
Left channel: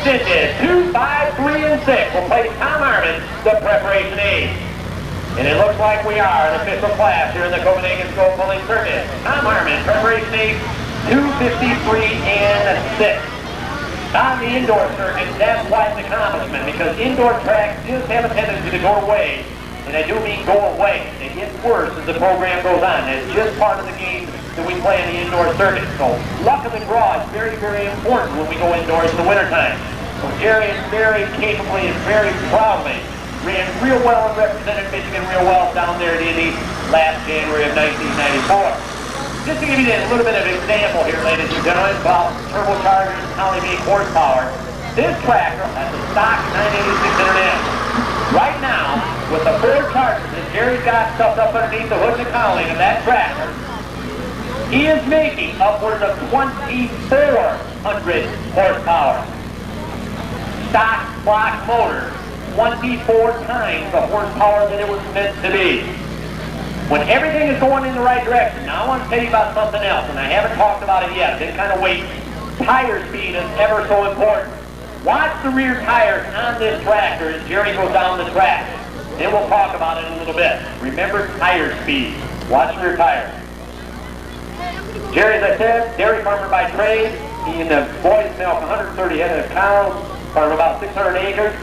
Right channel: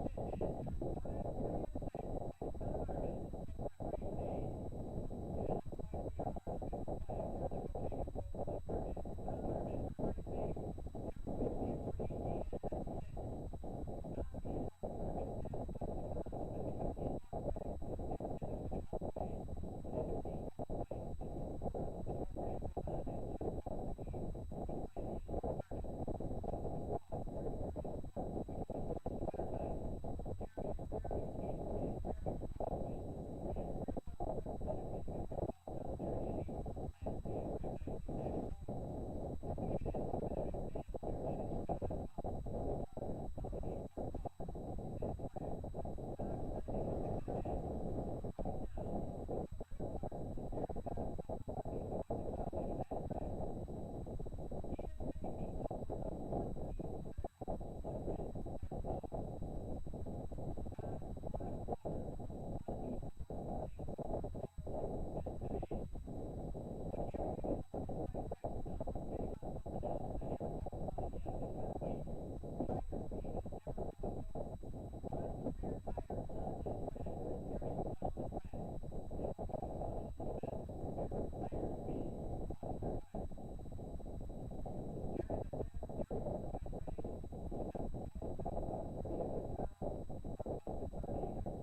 Inches, 2, 5, 3, and 6 will place Tom Harmon, the preparation 8. And it looks like we are an official class here in the Copenhagen Skull Pulling Circuit. Tom Harmon, preparation 8, 253 and 6. On the indoor circuit, that's quite an accomplishment because indoor tracks just have a tendency to go away. And I do mean go away. They get worse as the program goes on. It's just part of the game that we play in the indoor circuit. So luck of the draw is very, very important when we go indoors in the wintertime. So Jerry is very capably and very proudly ran real well and represented Michigan real well down there at Indy last January of 1994. Just to give you a little bit of an example here, ladies and gentlemen, about turbochargers and how they make horsepower. This tractor has a stock 986 International. Right now, with the 4 chargers that Jerry's got stuffed up underneath the hood and the cowling of that tractor, he is making upwards of 2,400 horsepower. Stock block motor, 24 times the horsepower that it was meant to be. When everything is going in the right direction, now I want to tell you about something else, and I haven't talked about it yet. Been kind of waiting. Tire speed is ever so important. Watch the rear tires on this tractor as Jerry goes down the track. Then we'll talk about it in a little bit. Remember tire speed. Watch the rear tires. Jerry, as I said, dairy farmer by trade. He and the boys milk 130 head of cows, farm about 600 acres.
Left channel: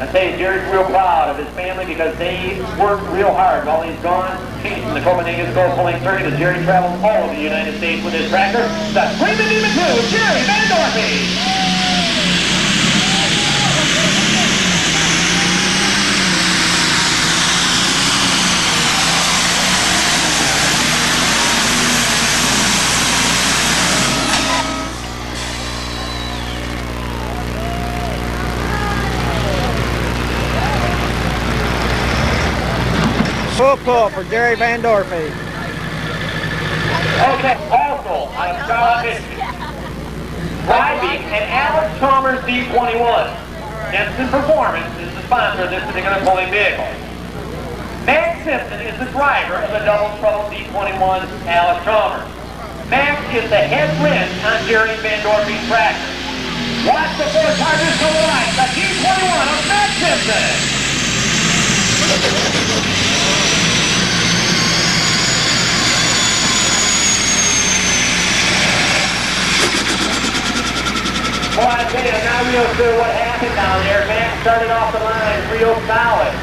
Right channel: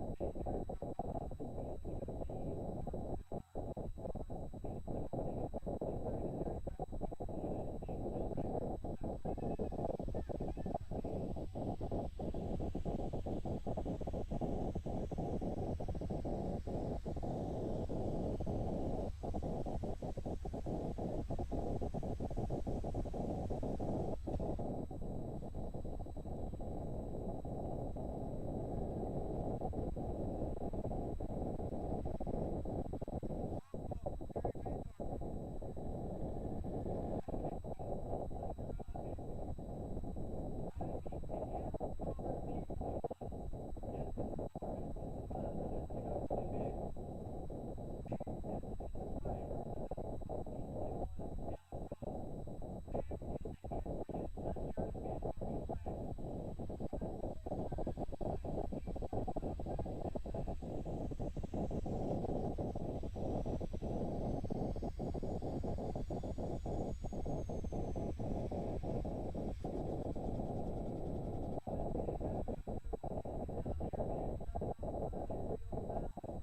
I tell you, Jerry's real proud of his family because they worked real hard while he's gone, chasing the Copenhagen Skull Pulling Circuit as Jerry travels all over the United States with his tractor. The Screaming Demon 2, Jerry Van Dorphy. Full pull for Jerry Van Dorphy. Okay, also out of Charlotte, Michigan, driving an Alex Chalmers D21. Jensen Performance is the sponsor of this particular pulling vehicle. Max Simpson is the driver of the double trouble D21 Alex Chalmers. Max is the head wrench on Jerry Van Dorphy's tractor. Watch the 4 chargers go right. The D21 of Max Simpson. Well, I tell you, I'm not real sure what happened down there. Max started off the line real solid.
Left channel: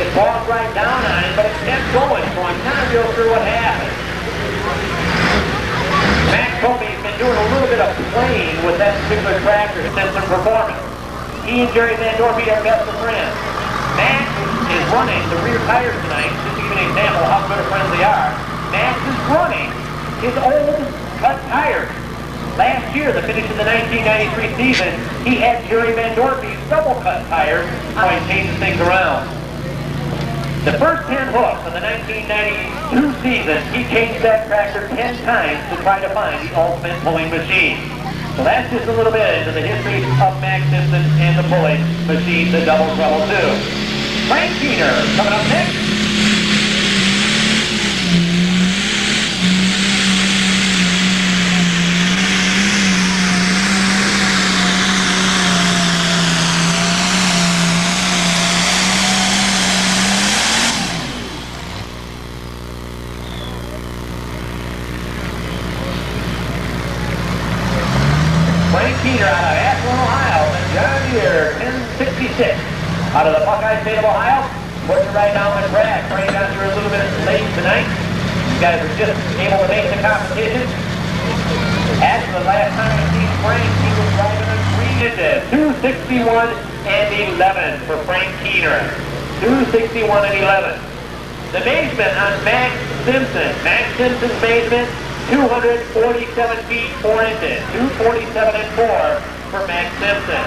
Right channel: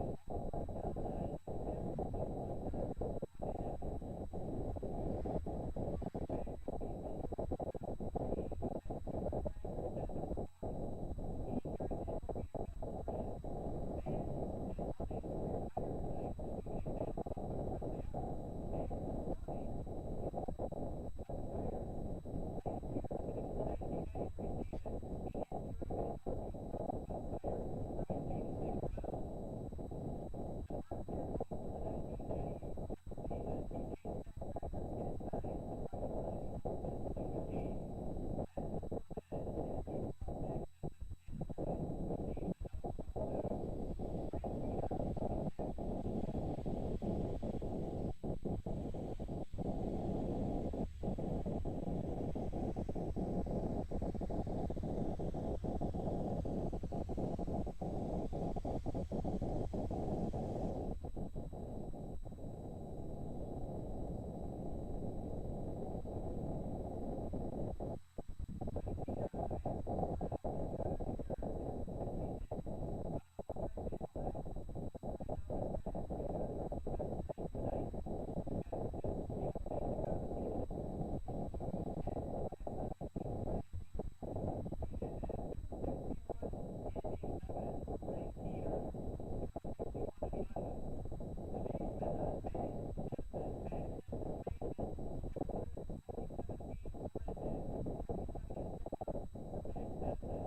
It walked right down on it, but it kept going, so I'm not real sure what happened. Max told me he's been doing a little bit of playing with that particular tractor since the performance. He and Jerry Van Dorphy are best of friends. Max is running the rear tires tonight, just to give you an example of how good of friends they are. Max is running his old cut tires. Last year, the finish of the 1993 season, he had Jerry Van Dorphy's double-cut tires. How he changes things around. The first 10 hooks of the 1992 season, he changed that tractor 10 times to try to find the ultimate pulling machine. So that's just a little bit into the history of Max Simpson and the pulling machine, the Double Trouble 2. Frank Keener coming up next. Out of the Buckeye State of Ohio, putting it right down the track. Frank got here a little bit late tonight. You guys are just able to make the competition. As the last time I seen Frank, he was driving a 261 and 11 for Frank Keener. 261 and 11. The measurement on Max Simpson. Max Simpson's measurement, 247 feet 4 inches. 247 and 4 for Max Simpson.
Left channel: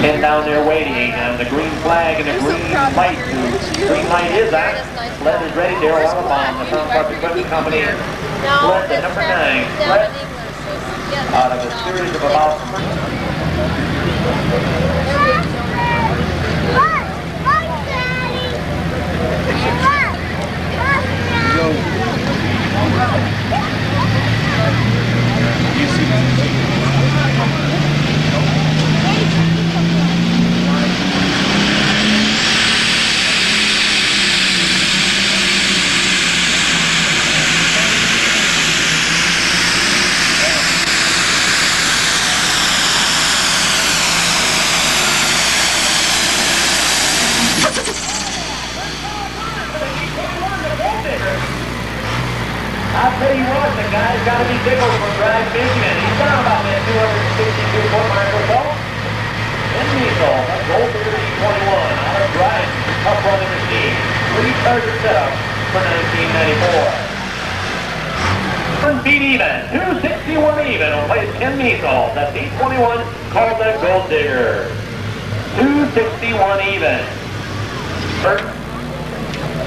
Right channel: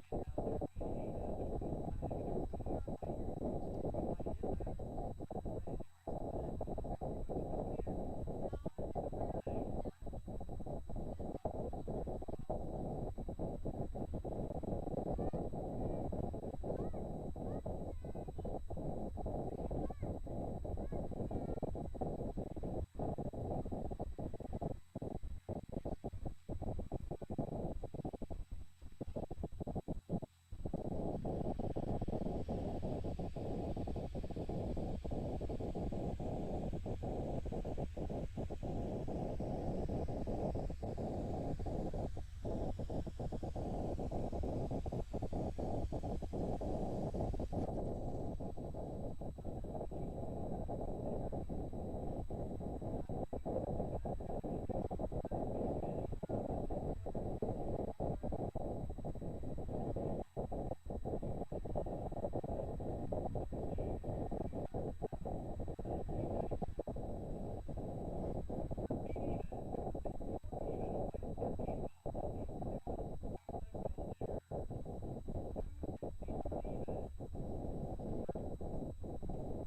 Ken down there waiting on the green flag and the green light. The green light is on. Sled is ready. Daryl Alabama, the Front Park Equipment Company. Sled to number 9. Sled out of a series of about... I'll tell you what, the guy's got to be tickled from Drive, Michigan. He's down about that 262-foot mark or so. And Diesel, a Gold Digger E21 out of Drive, tough running machine. 3-charger setup for 1994. Beat even, 261 even, will place Ken Diesel. That's E21 called the Gold Digger. 261 even.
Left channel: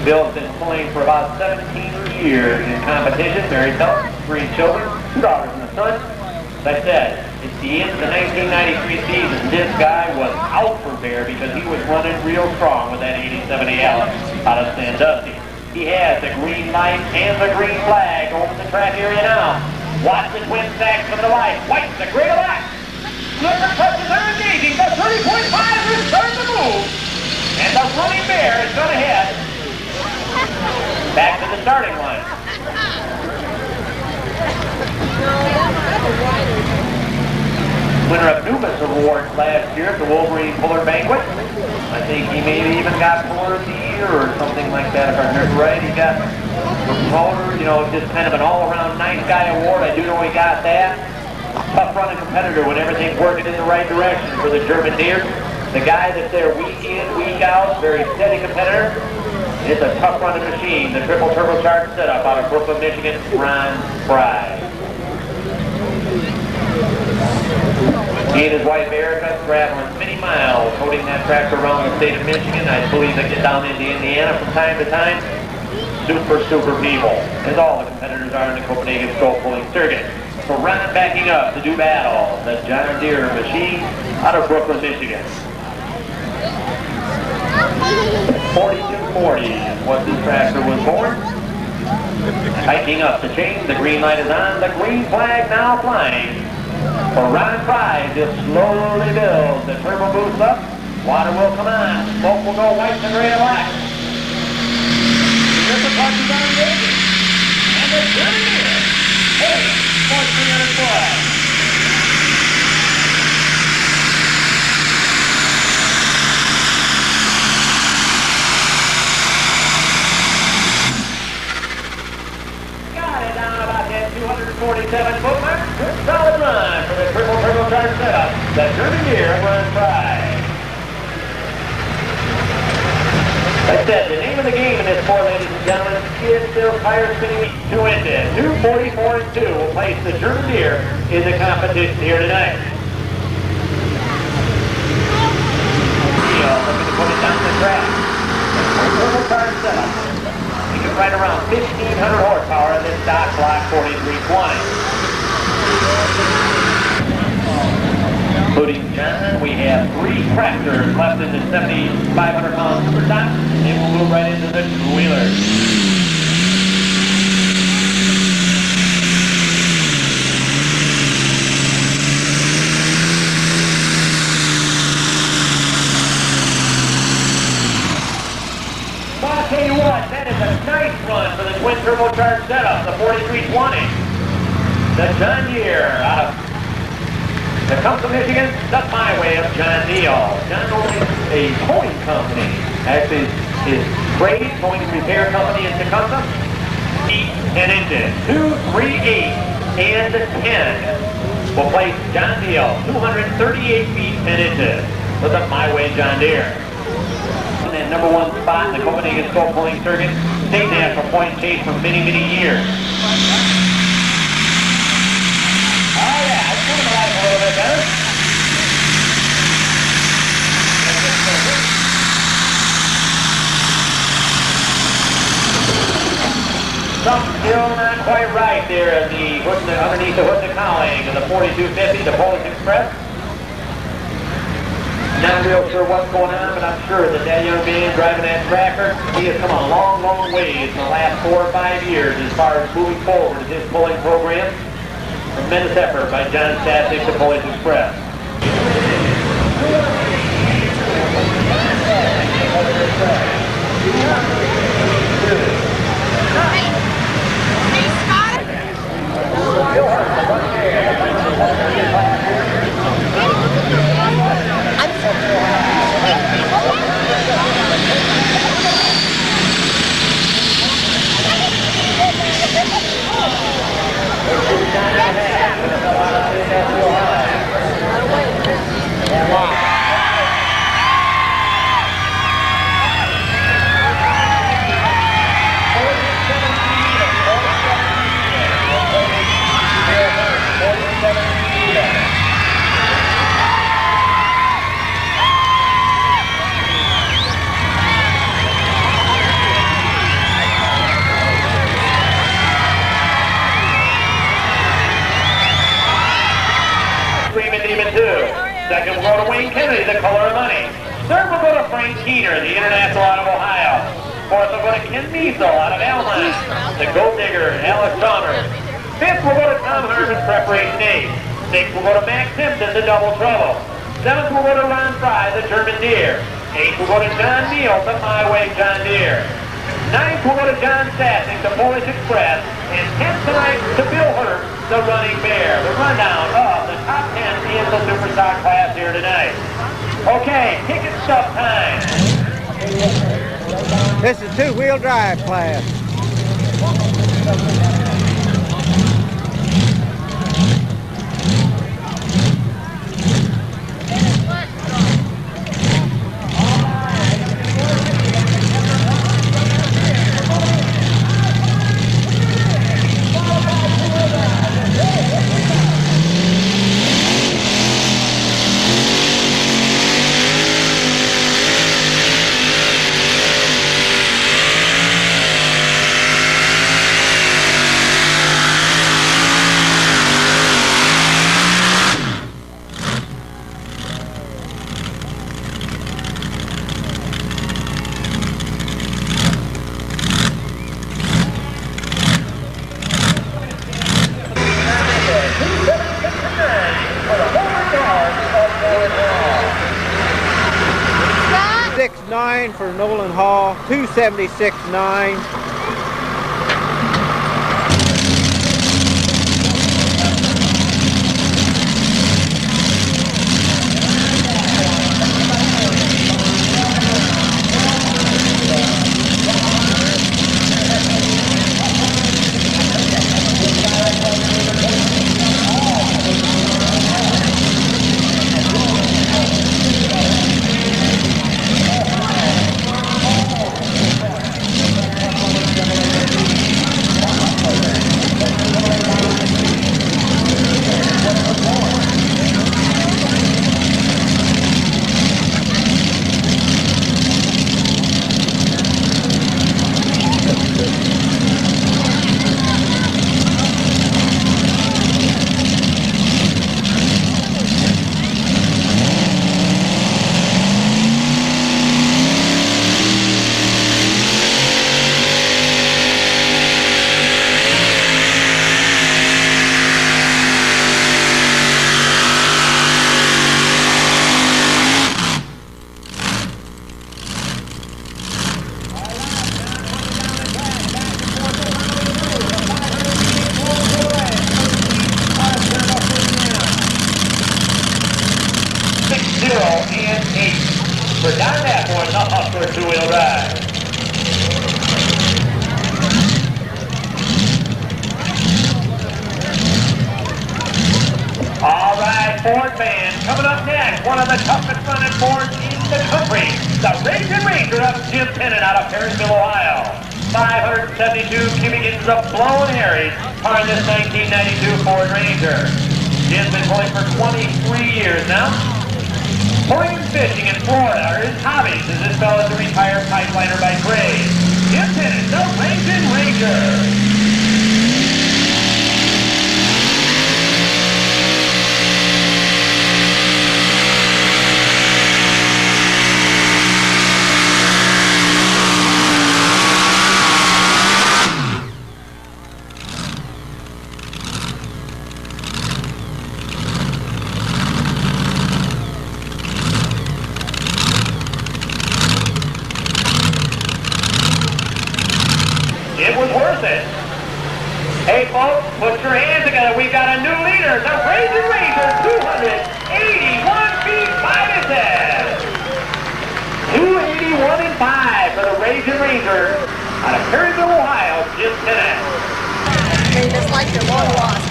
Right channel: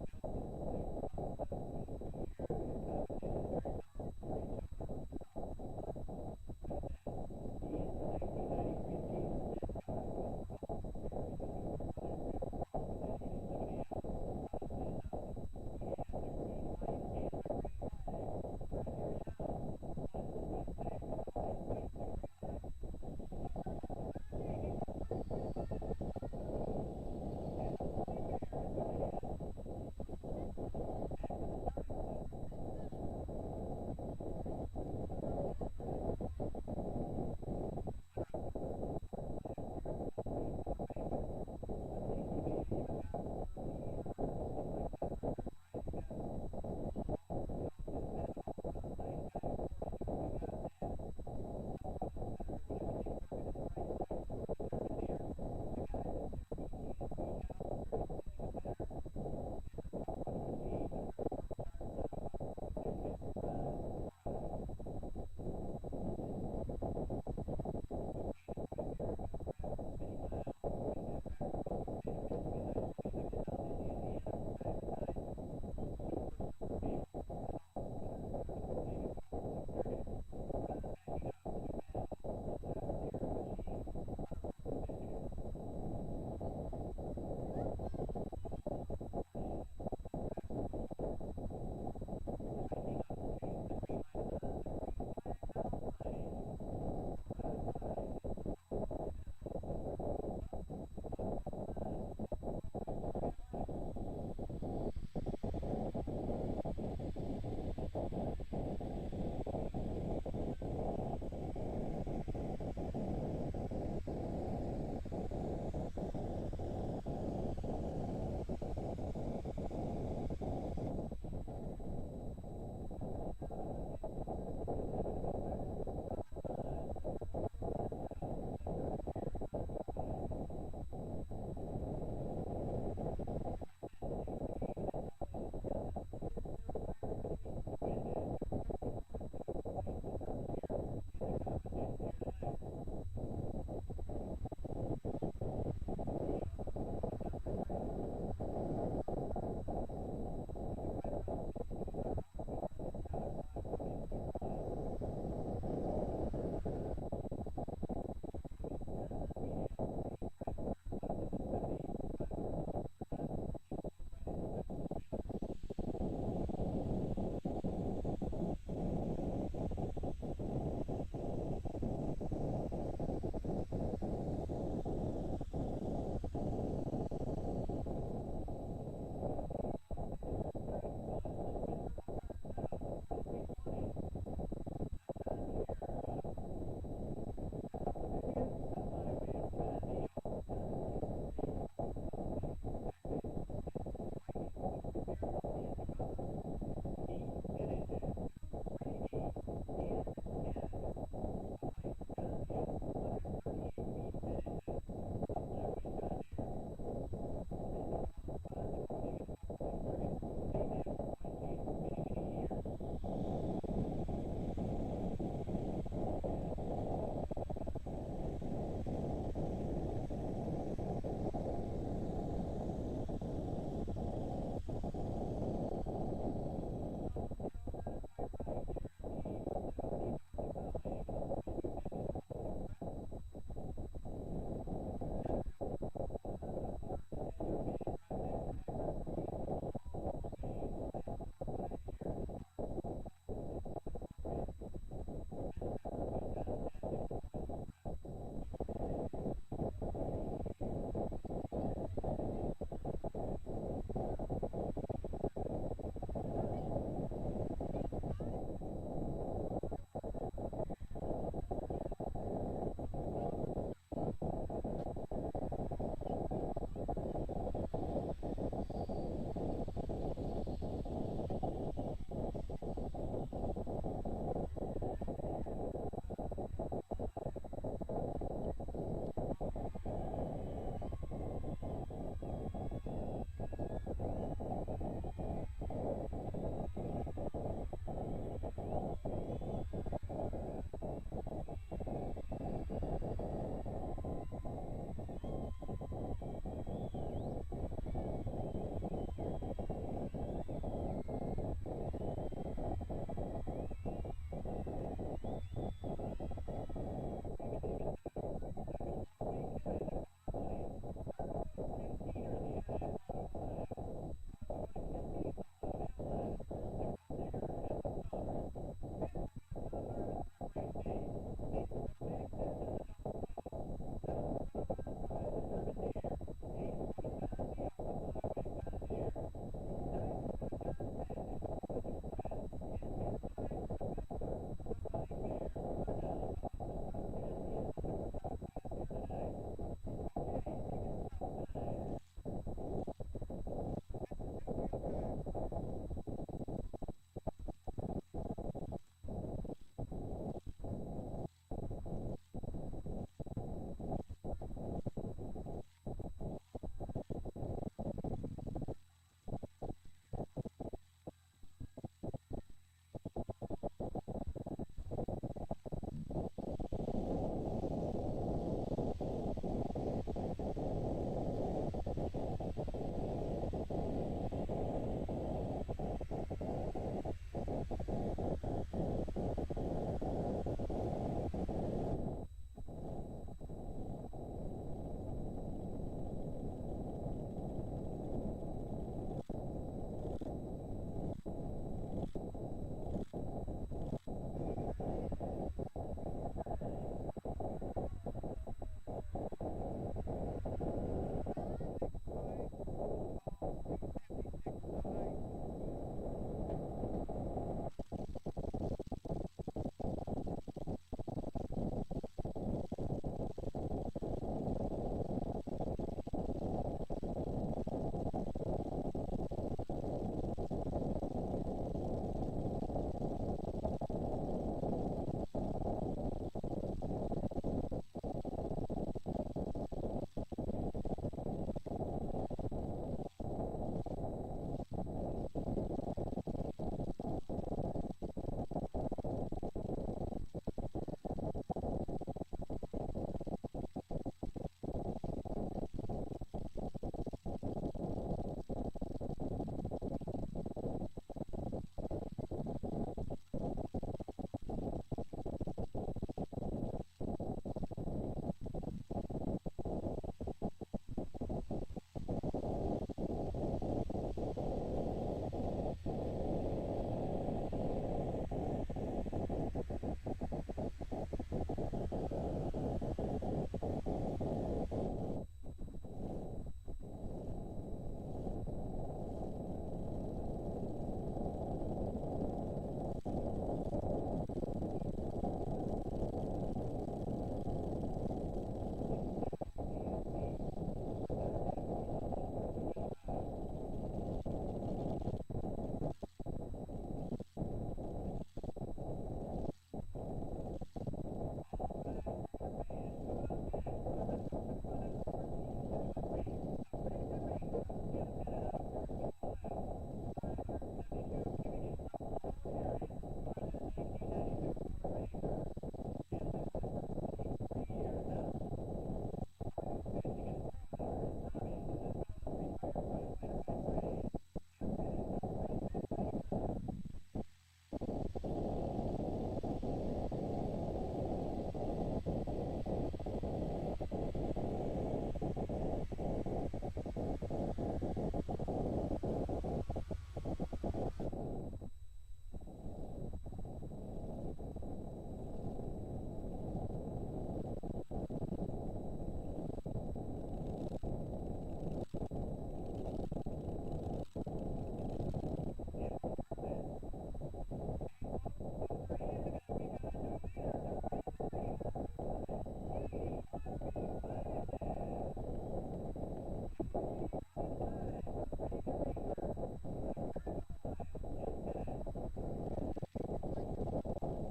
Bill's been playing for about 17 years in competition, married couple, 3 children, 2 daughters and a son. As I said, it's the end of the 1993 season. This guy was out for Bear because he was running real strong with that 87 AL out of Sandusky. He has the green light and the green flag over the track area now. Watch the twin stacks from the light. White, the gray light. Number touches are engaging. The 30.5 is starting to move. And the running Bear is going to head back to the starting line. Winner of Numas Award last year at the Wolverine Puller Banquet. I think he maybe even got Puller of the Year or something like that, if I remember right. He got promoter, you know, just kind of an all-around nice guy award. I do know he got that. Tough running competitor when everything's working in the right direction for the German Deer. The guy that's there week in, week out, very steady competitor. It's a tough running machine, the triple turbocharged setup out of Brooklyn, Michigan, Ron Fry. He and his wife Erica traveling many miles, holding that tractor around the state of Michigan. I believe they get down into Indiana from time to time. Super people, as all the competitors are in the Copenhagen stroke pulling circuit. So Ron backing up to do battle, the John Deere machine out of Brooklyn, Michigan. 4240 is what this tractor was born. Tightening up the chain, the green light is on, the green flag now flying. For Ron Fry, just slowly builds the turbo boost up. Water will come on, smoke will go white and gray and black. Here's the punches on engaging. And the German Deere, heading for 300 foot. Got it down about that 247 foot mark. Good solid run for the triple turbocharged setup. The German Deere Ron Fry. Like I said, the name of the game in this sport, ladies and gentlemen, is still tire spinning 2 inches. 244 and 2 will place the German Deere in the competition here tonight. Looking to put it down the track. Turbocharged setup. You can ride around 1,500 horsepower in this stock block 4320. Including John, we have 3 tractors left in the 7,500-pound super stock, and we'll move right into the two-wheelers. Well, I'll tell you what, that is a nice run for the twin turbocharged setup, the 4320. The John Deere out of Tecumseh, Michigan, the byway of John Neal. John owns a towing company. Actually, his trade towing repair company in Tecumseh. Feet and engine. 2, 3, 8, and 10 will place John Neal 238 feet 10 inches with a byway John Deere. In that number 1 spot in the Copenhagen Scope Pulling Circuit, state national point chase for many, many years. Oh yeah, it's moving alive a little bit better. Something still not quite right there at the underneath the hood of the cowling of the 4250, the Polish Express. Not real sure what's going on, but I'm sure that that young man driving that tractor, he has come a long, long ways in the last 4 or 5 years as far as moving forward in his pulling program. Tremendous effort by John Stasek, the Polish Express. Second will go to Wayne Kennedy, the color of money. Third will go to Frank Keener, the international out of Ohio. Fourth will go to Ken Miesel out of Alma, the gold digger, Alex Chalmers. Fifth will go to Tom Harmon, preparation 8. Sixth will go to Max Simpson, the double trouble. Seventh will go to Ron Fry, the German Deere. Eighth will go to John Neal, the byway John Deere. Ninth will go to John Stasek, the Polish Express. And 10th tonight to Bill Hurt, the Running Bear. The rundown of the top 10 in the Superstock class here tonight. Okay, ticket stub time. This is two-wheel drive class. For Nolan Hall, 276.9. and 8. For Don Napor, the Hustler two-wheel drive. All right, Ford band, coming up next, one of the toughest running Fords in the country, the Raging Ranger of Jim Tennant out of Perryville, Ohio. 572 cubic inches of blown air on this 1992 Ford Ranger. Jim's been pulling for 23 years now. Pulling and fishing in Florida are his hobbies, as this fellow is a retired pipeliner by trade. Jim Tennant, the Raging Ranger. It was worth it. Hey folks, put your hands together. We've got a new leader, the Raging Ranger, 281 feet 5 inches. 281 and 5 for the Raging Ranger out of Perryville, Ohio, Jim Tennant. They just like their long lost.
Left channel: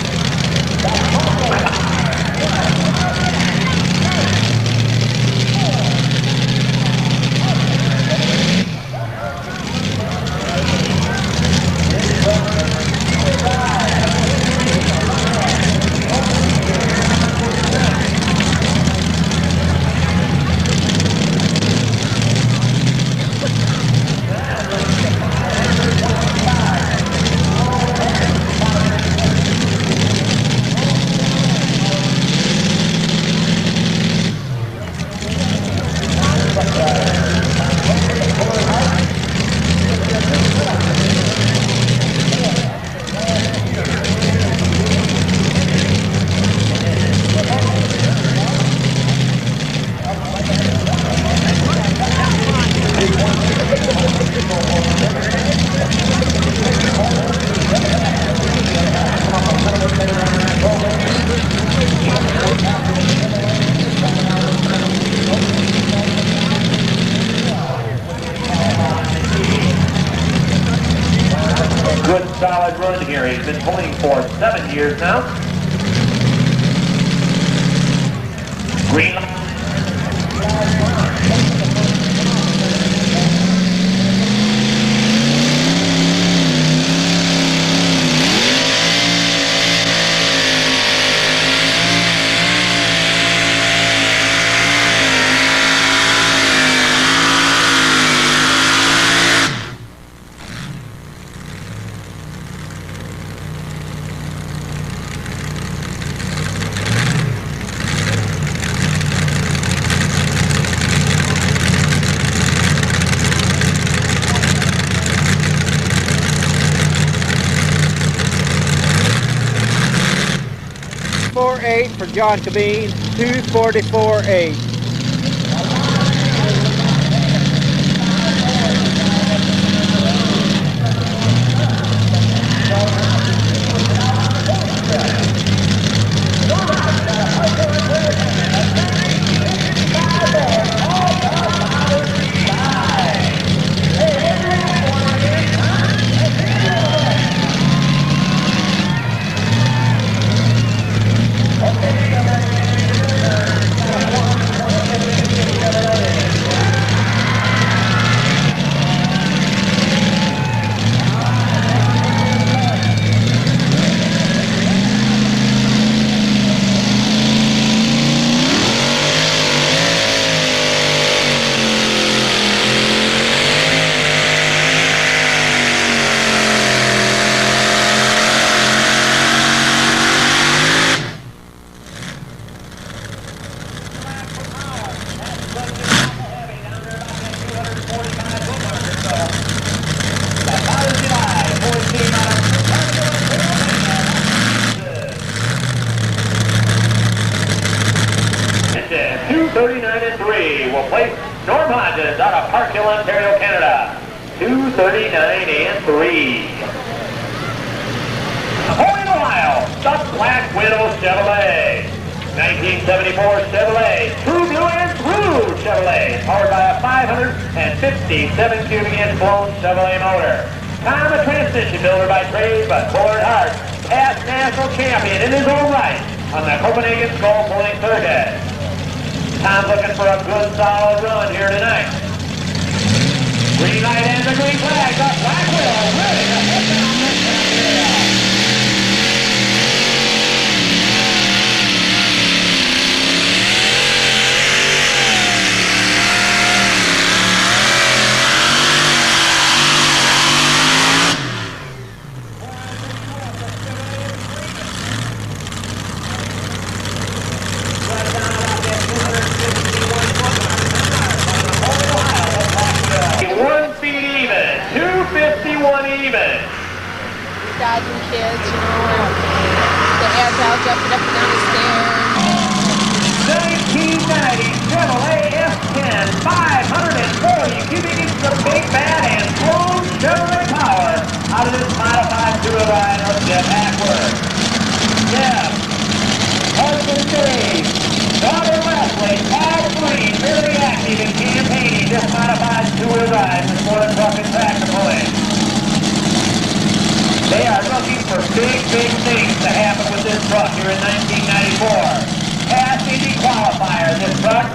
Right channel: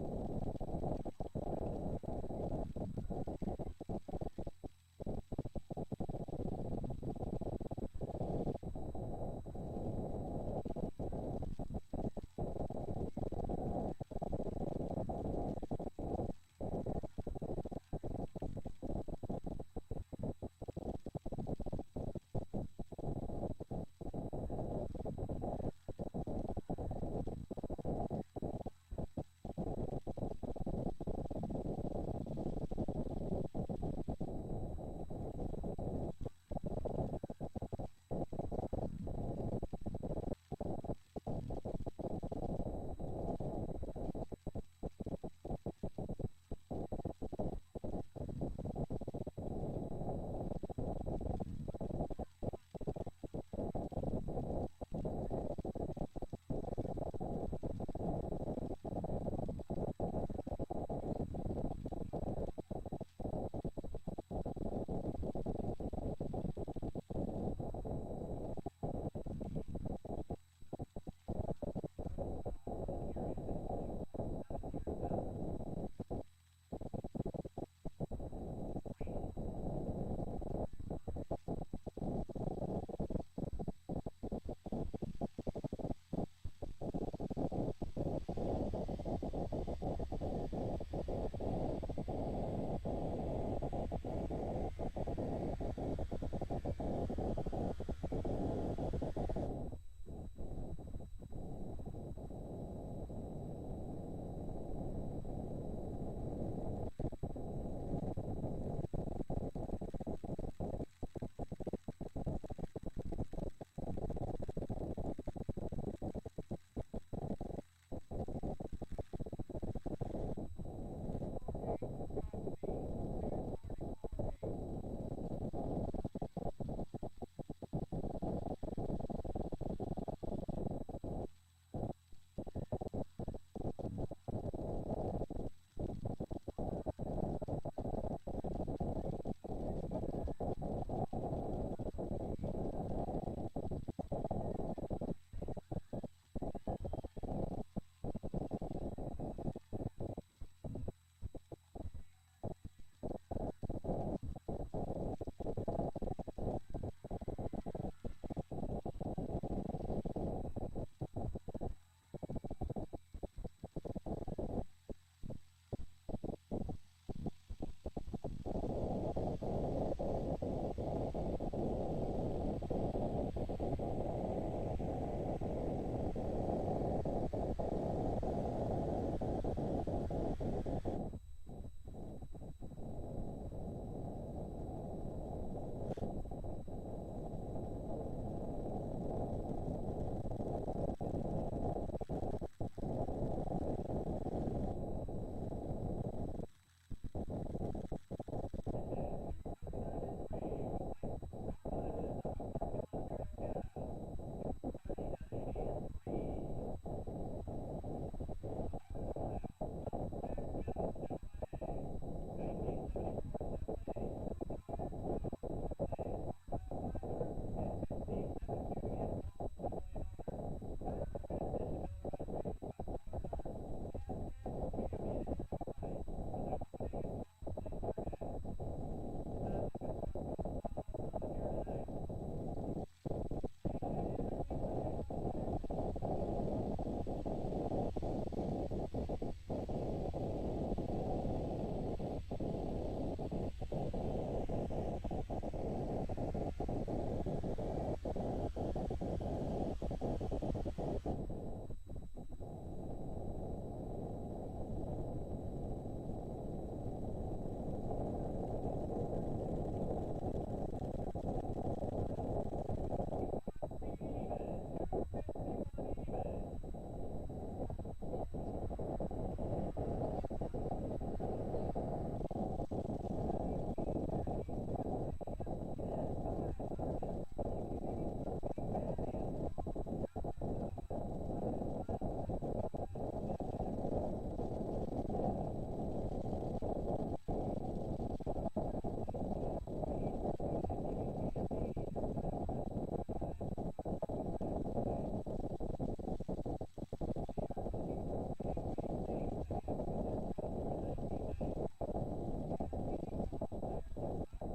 Good solid run here. He's been pulling for 7 years now. Green line. For John Cabine, 244.8. will place Norm Hodges out of Park Hill, Ontario, Canada. 239 and 3. Napoleon, Ohio, the Black Widow Chevrolet. 1974 Chevrolet, true blue and Chevrolet, powered by a 557 cubic inch blown Chevrolet motor. Tom, a transmission builder by trade, but fuller at heart, past national champion in his own right on the Copenhagen Skull Pulling Circuit. Tom looking for a good solid run here tonight. Green light and the green flag. The flag wheel ready to hit down this area. Dodging kids, you know, the air cow jumping up and down the stairs. 1990 Chevrolet F10, 540 cubic inches of big bad and slow Chevrolet power out of this modified two-wheel ride of Jeff Hackworth. Jeff, husband Dave, daughter Leslie, all three very active in campaigning this modified two-wheel ride with more than truck and tractor pulling. They are looking for big things to happen with this truck here in 1994. Past Indy qualifier, this truck.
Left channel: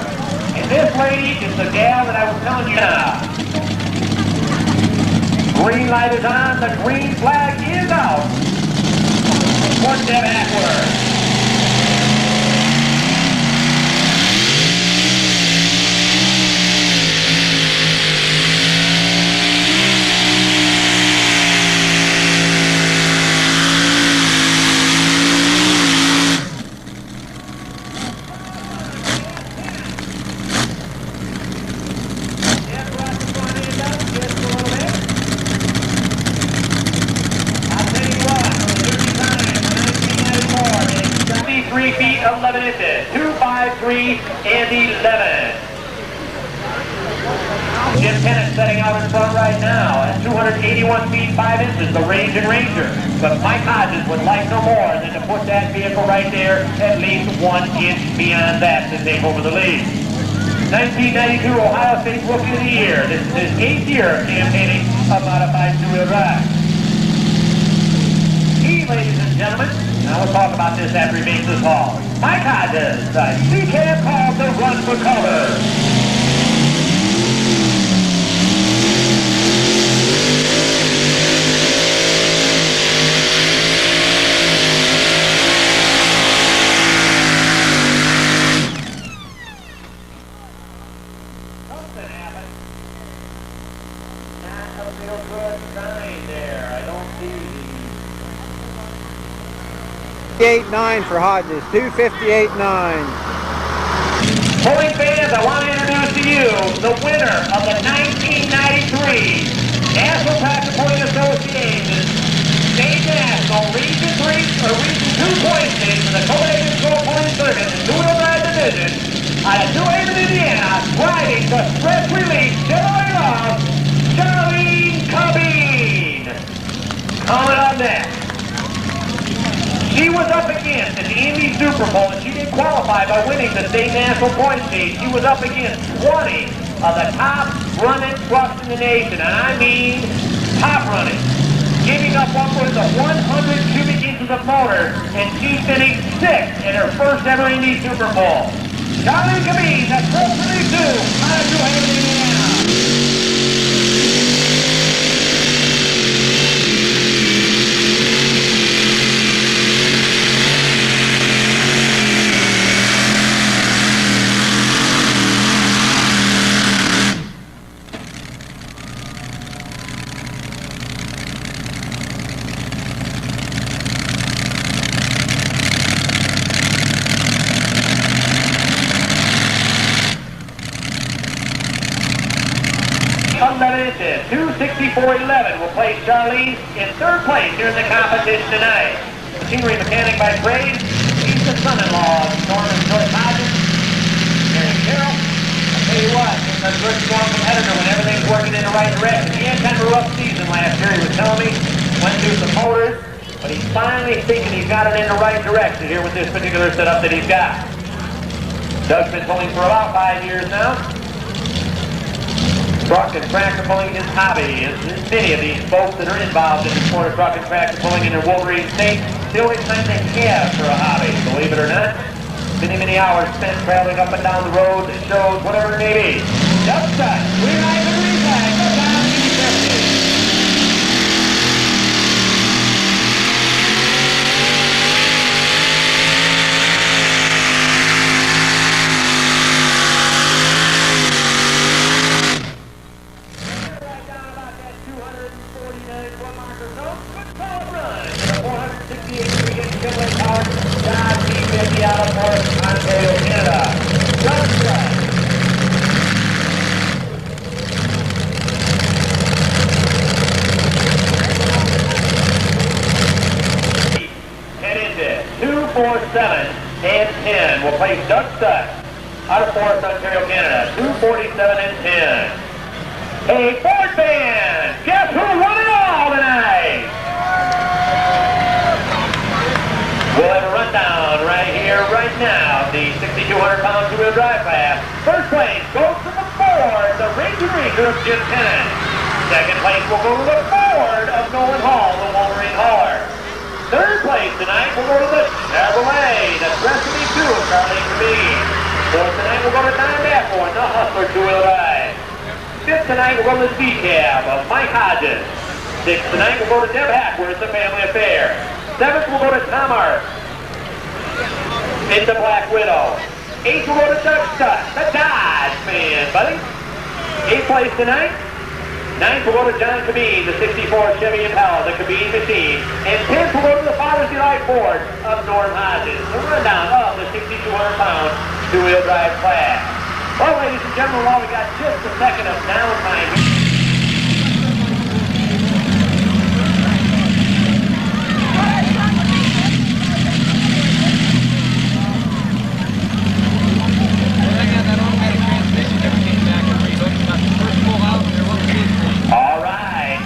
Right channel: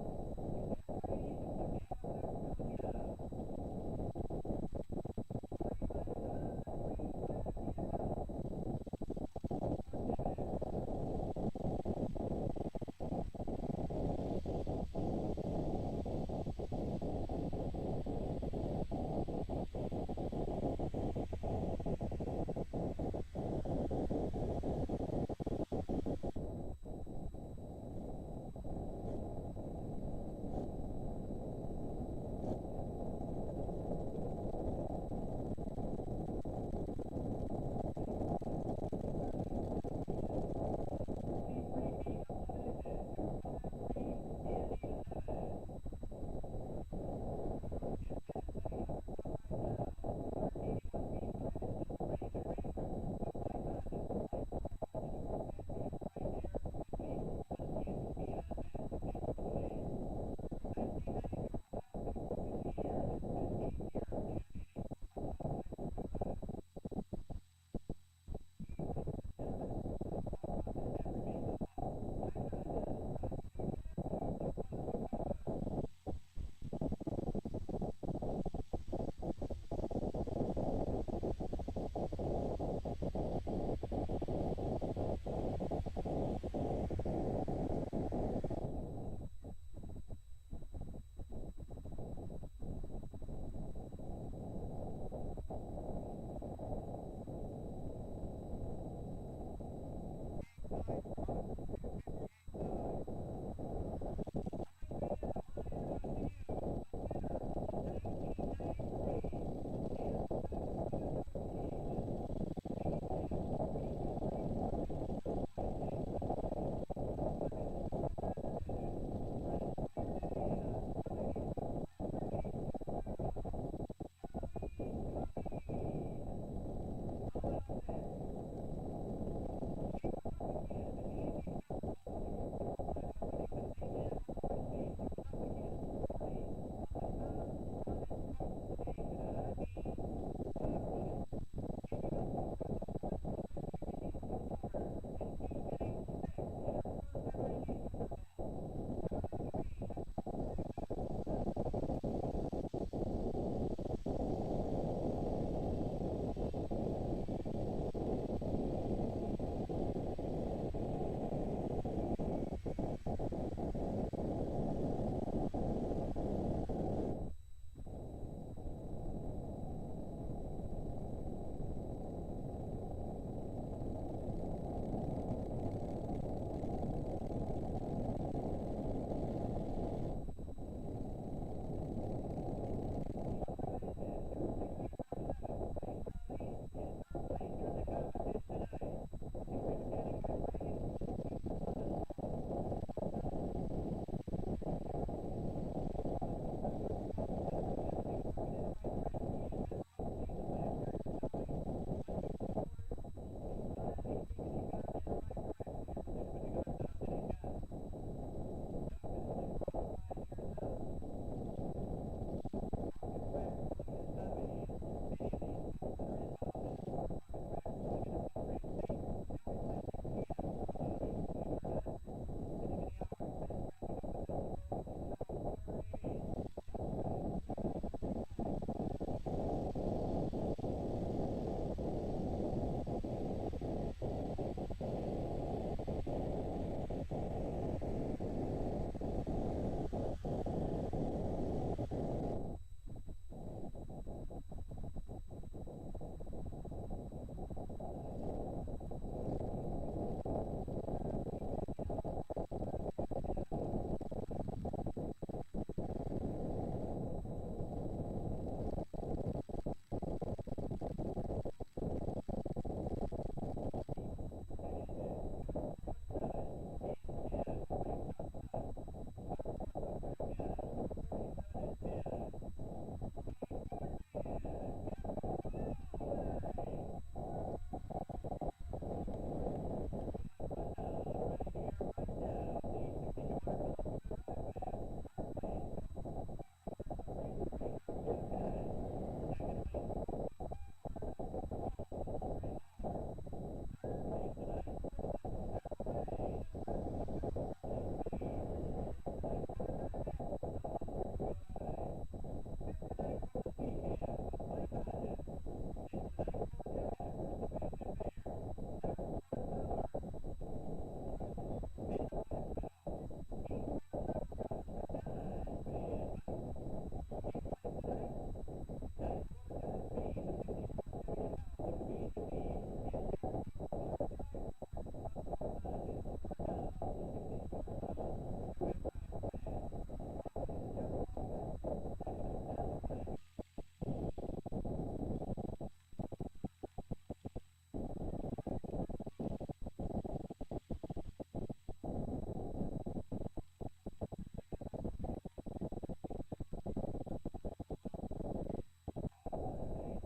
And this lady is the gal that I was telling you now. Green light is on, the green flag is out. One step backward. Feet 11 inches, 253 and 11. Jim Tennant setting out in front right now at 281 feet 5 inches, the Range and Ranger. But Mike Hodges would like no more than to put that vehicle right there at least 1 inch beyond that to take over the lead. 1992 Ohio State Rookie of the Year. This is his 8th year of campaigning a modified two-wheel drive. Ladies and gentlemen, now we'll talk about this after he makes this haul. Mike Hodges, the C-Cab called the Run for Cover. Something happened. Not a real good sign there. I don't see 258.9 for Hodges, 258.9. Pulling fans, I want to introduce to you the winner of the 1993 National Tractor Pulling Association State National Region 3 or Region 2 point stage for the Copenhagen Skull Pulling Circuit in two-wheel drive division out of New Haven, Indiana, riding the stress release Chevrolet of Charlene Cabine. Coming up next. She was up against in the Indy Super Bowl, and she didn't qualify by winning the state national point stage. She was up against 20 of the top running trucks in the nation, and I mean top running. Giving up upwards of 100 cubic inches of motor, and she finished 6th in her first ever Indy Super Bowl. Charlene Cabine, that's Pro 32, out of New Haven, Indiana. Unlimited 264.11 will place Charlene in 3rd place here in the competition tonight. Machinery mechanic by trade, he's the son-in-law of Norman Joyce Hodges. Mary Carroll, I'll tell you what, he's a good strong competitor when everything's working in the right direction. He had kind of a rough season last year, he was telling me, went through some motors, but he's finally thinking he's got it in the right direction here with this particular setup that he's got. Doug's been pulling for about 5 years now. Truck and tractor pulling is hobby. As many of these folks that are involved in the sport of truck and tractor pulling in the Wolverine state, the only time they have for a hobby, believe it or not. Many, many hours spent traveling up and down the road, shows, whatever it may be. Doug Stuck, we ride the green flag, go down to 50. Out of North Ontario, Canada. Head into 2, 4, 7, and 10. We'll place Doug Stuck out of North Ontario, Canada. 247 and 10. Hey, Ford fans, guess who won it all tonight? We'll have a rundown right here, right now. The 6,200-pound two-wheel drive class. First place goes to the Ford, the Ranger of Jim Tennant. Second place will go to the Ford of Nolan Hall, the Wolverine hauler. Third place tonight will go to the Chevrolet, the Destiny 2 of Charlie Cabine. Fourth tonight will go to Don Dafford, the Hustler two-wheel drive. Fifth tonight will go to the C-Cab of Mike Hodges. Sixth tonight will go to Deb Hackworth, the Family Affair. Seventh will go to Tom Art in the Black Widow. Eighth will go to Doug Stuck, the Dodge fan, buddy. Eighth place tonight. Ninth will go to John Cabine, the 64 Chevy Impala, the Cabine machine. And 10th will go to the Father's Delight Ford of Norm Hodges. The rundown of the 6,200-pound two-wheel drive class. Well, ladies and gentlemen, while we got just a second of downtime.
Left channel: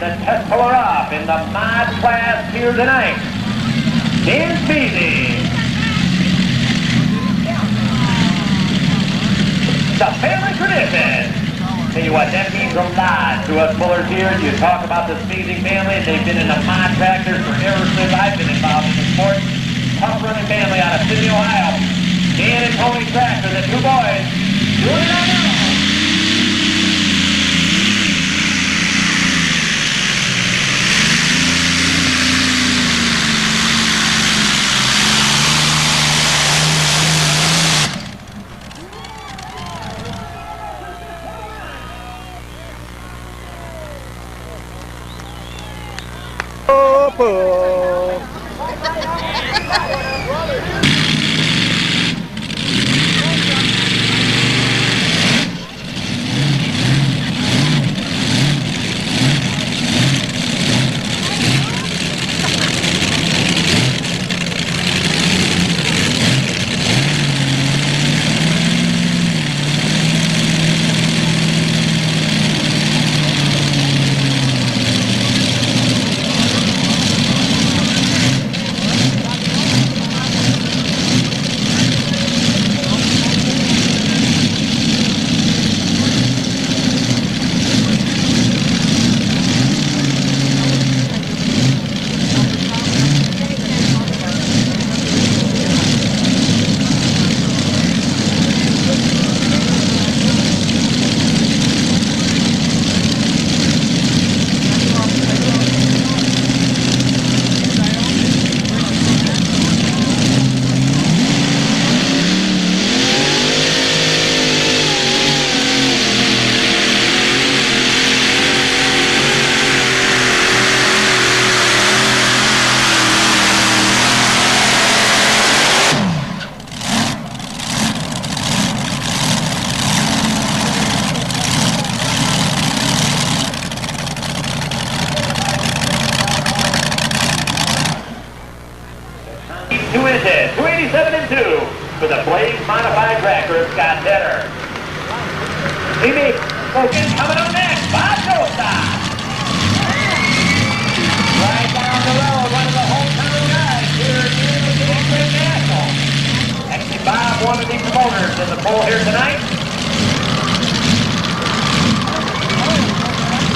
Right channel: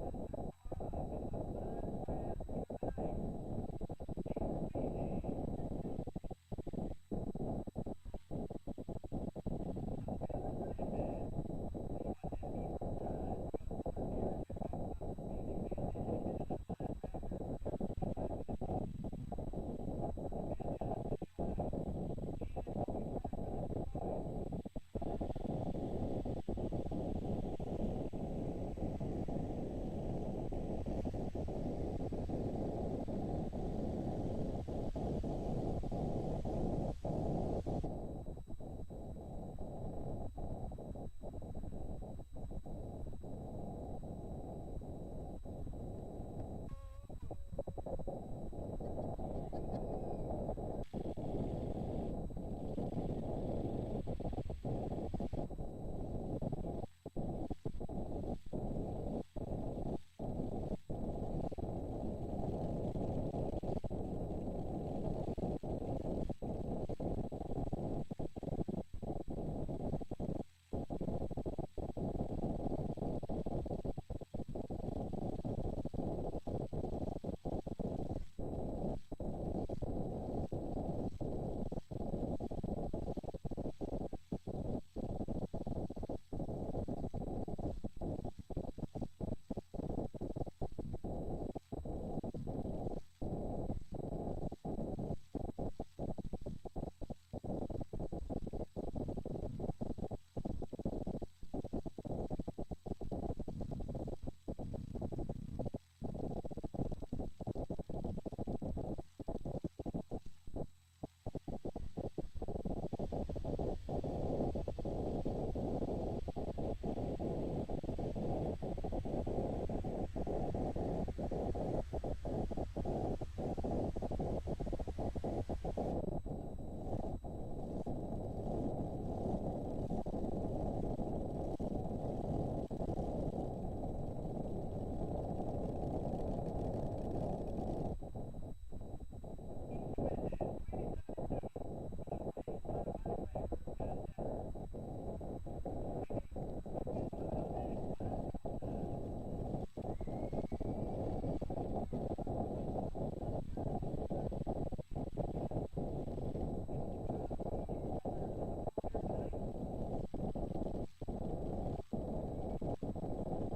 Test puller up in the mod class here tonight. Dan Speedy. The family tradition. Tell you what, that means a lot to us pullers here. You talk about the Speedy family. They've been in the mod tractors for ever since I've been involved in the sport. Tough running family out of Sydney, Ohio. Dan and Tony Tractor, the two boys, doing it on their own. Pull. 287 and 2 for the Blaze Modified Tractor of Scott Tedder. TV Focus coming up next. Bob Joestar. Right down the road, one of the hometown guys here at the National. Actually, Bob wanted him to go motors in the pool here tonight.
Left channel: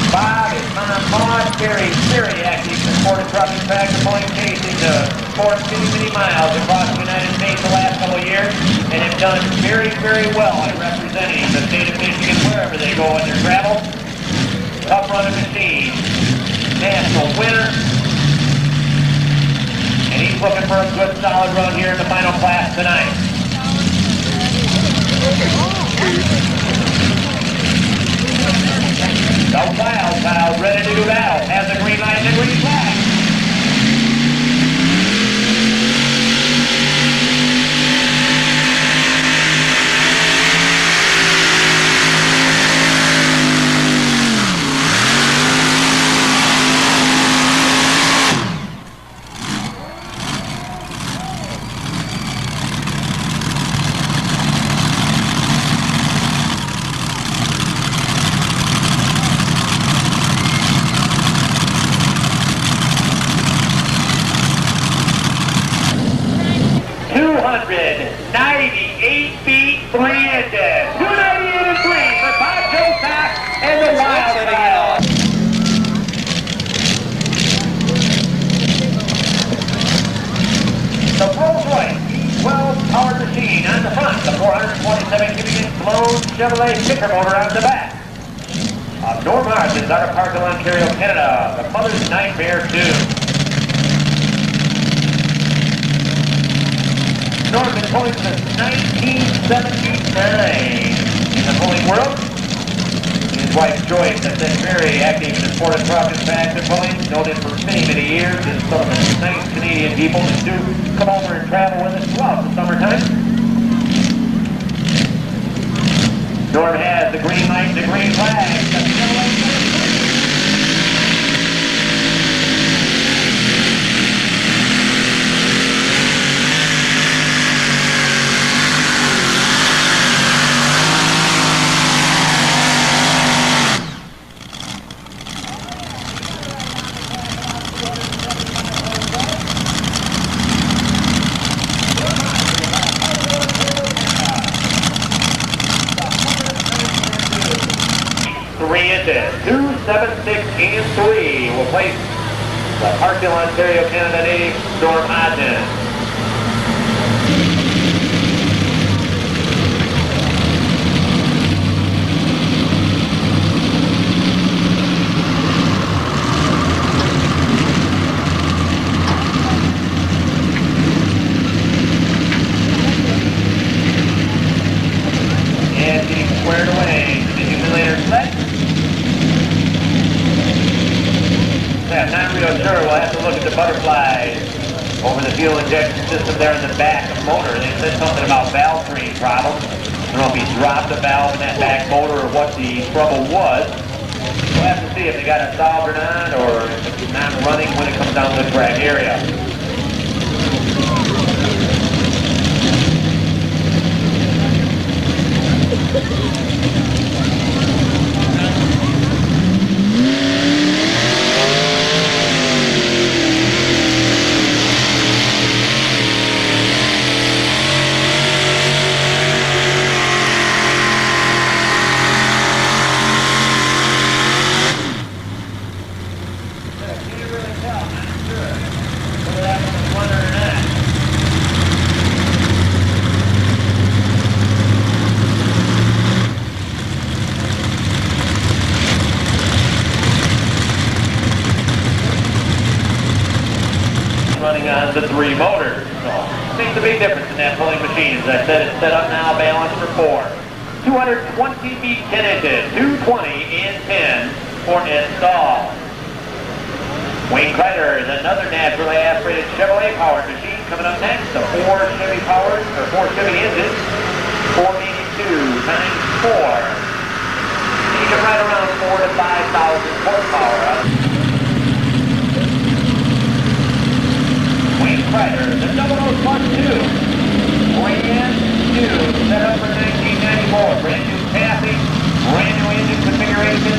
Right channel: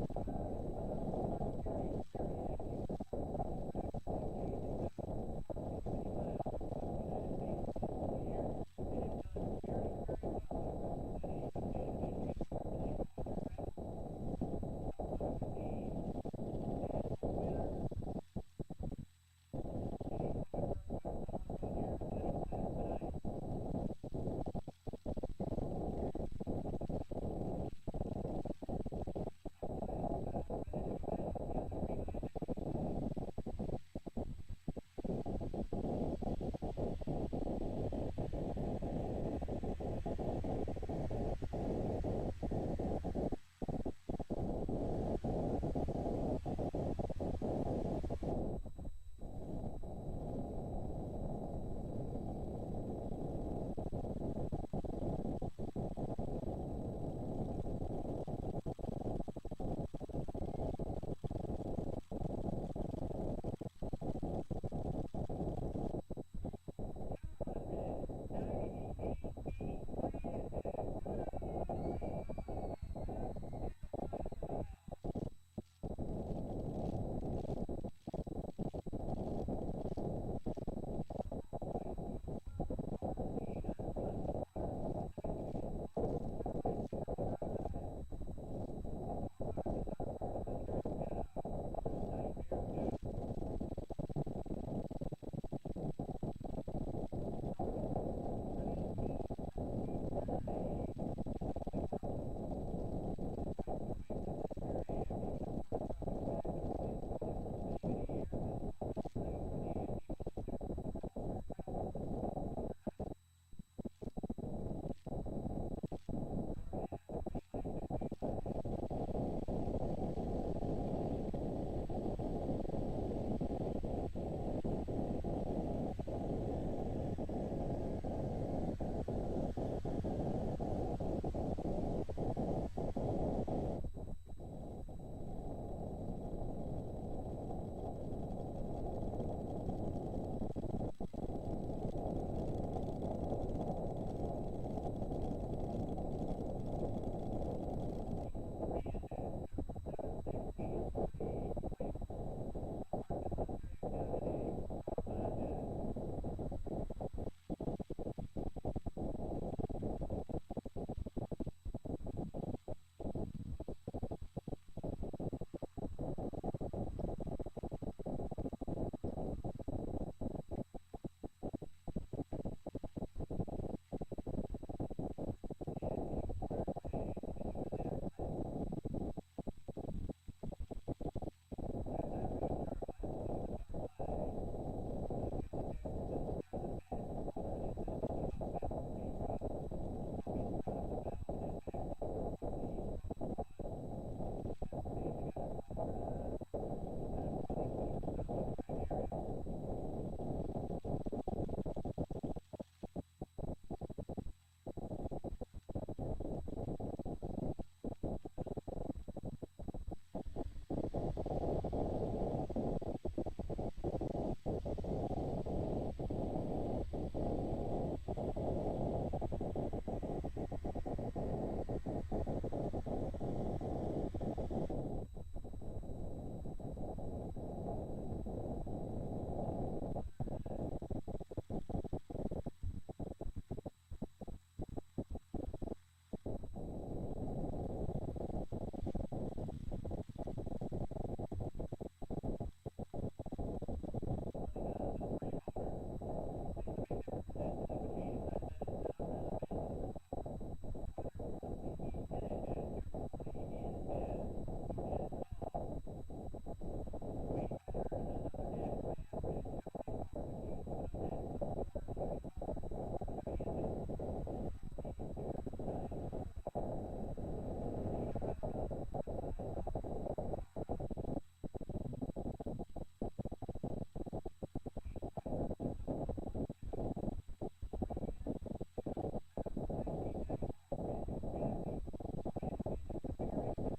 Bob is on very, very active in the sport of trucking tractor pulling, chasing the sport many miles across the United States the last couple of years, and have done very, very well at representing the state of Michigan wherever they go in their travel. Tough running machine, national winner, and he's looking for a good solid run here in the final class tonight. The Wild Child, ready to do battle, has the green light and the green flag. Chevrolet sticker motor on the back. Norm Hodgins out of Parkville, Ontario, Canada. The Mother's Nightmare 2. Norm been pulling since 1979 in the pulling world. His wife Joyce has been very active in the sport of truck and tractor pulling, noted for many years, and some of the nice Canadian people that do come over and travel with us throughout the summertime. Norm has the green light and the green flag. inches. 2, 7, 6, and 3 will place the Parkville, Ontario, Canada native Norm Hodgins. Over the fuel injection system there in the back of the motor. They said something about valve train problems. I don't know if he dropped the valve in that back motor or what the trouble was. We'll have to see if they got it solved or not, or if it's not running when it comes down to the track area. Running on the 3 motors. So makes a big difference in that pulling machine. As I said, it's set up now, balanced for 4. 220 feet 10 inches, 220 and 10 for install. Wayne Kreider is another naturally aspirated Chevrolet powered machine coming up next. The 4 Chevy powered, or 4 Chevy engines, 482 times 4. You can ride around 4,000 to 5,000 horsepower. Wayne Kreider, the 00 plus 2. Brand new, set up for 1994. Brand new chassis, brand new engine configuration.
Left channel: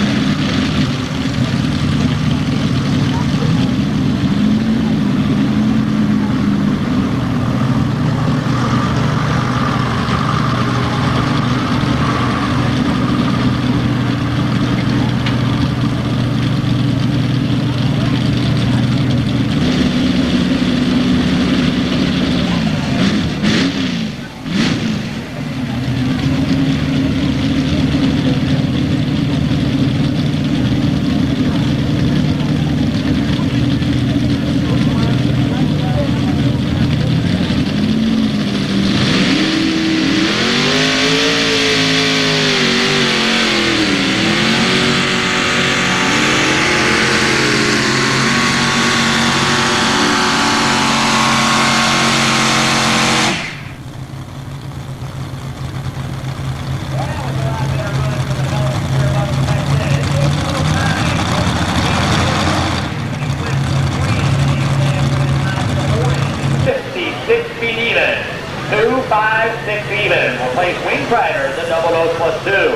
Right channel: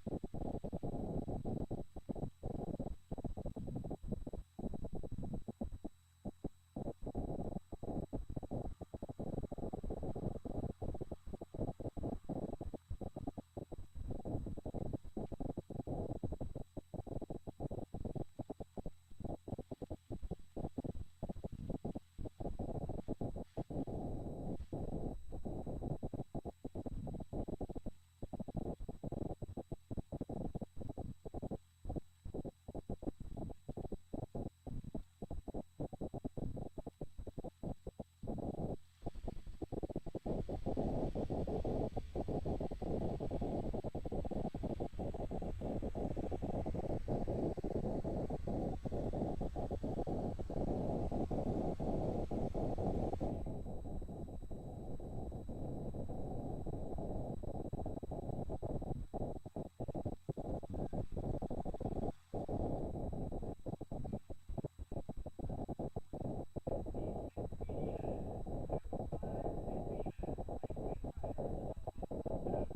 Strider, the double nose +2.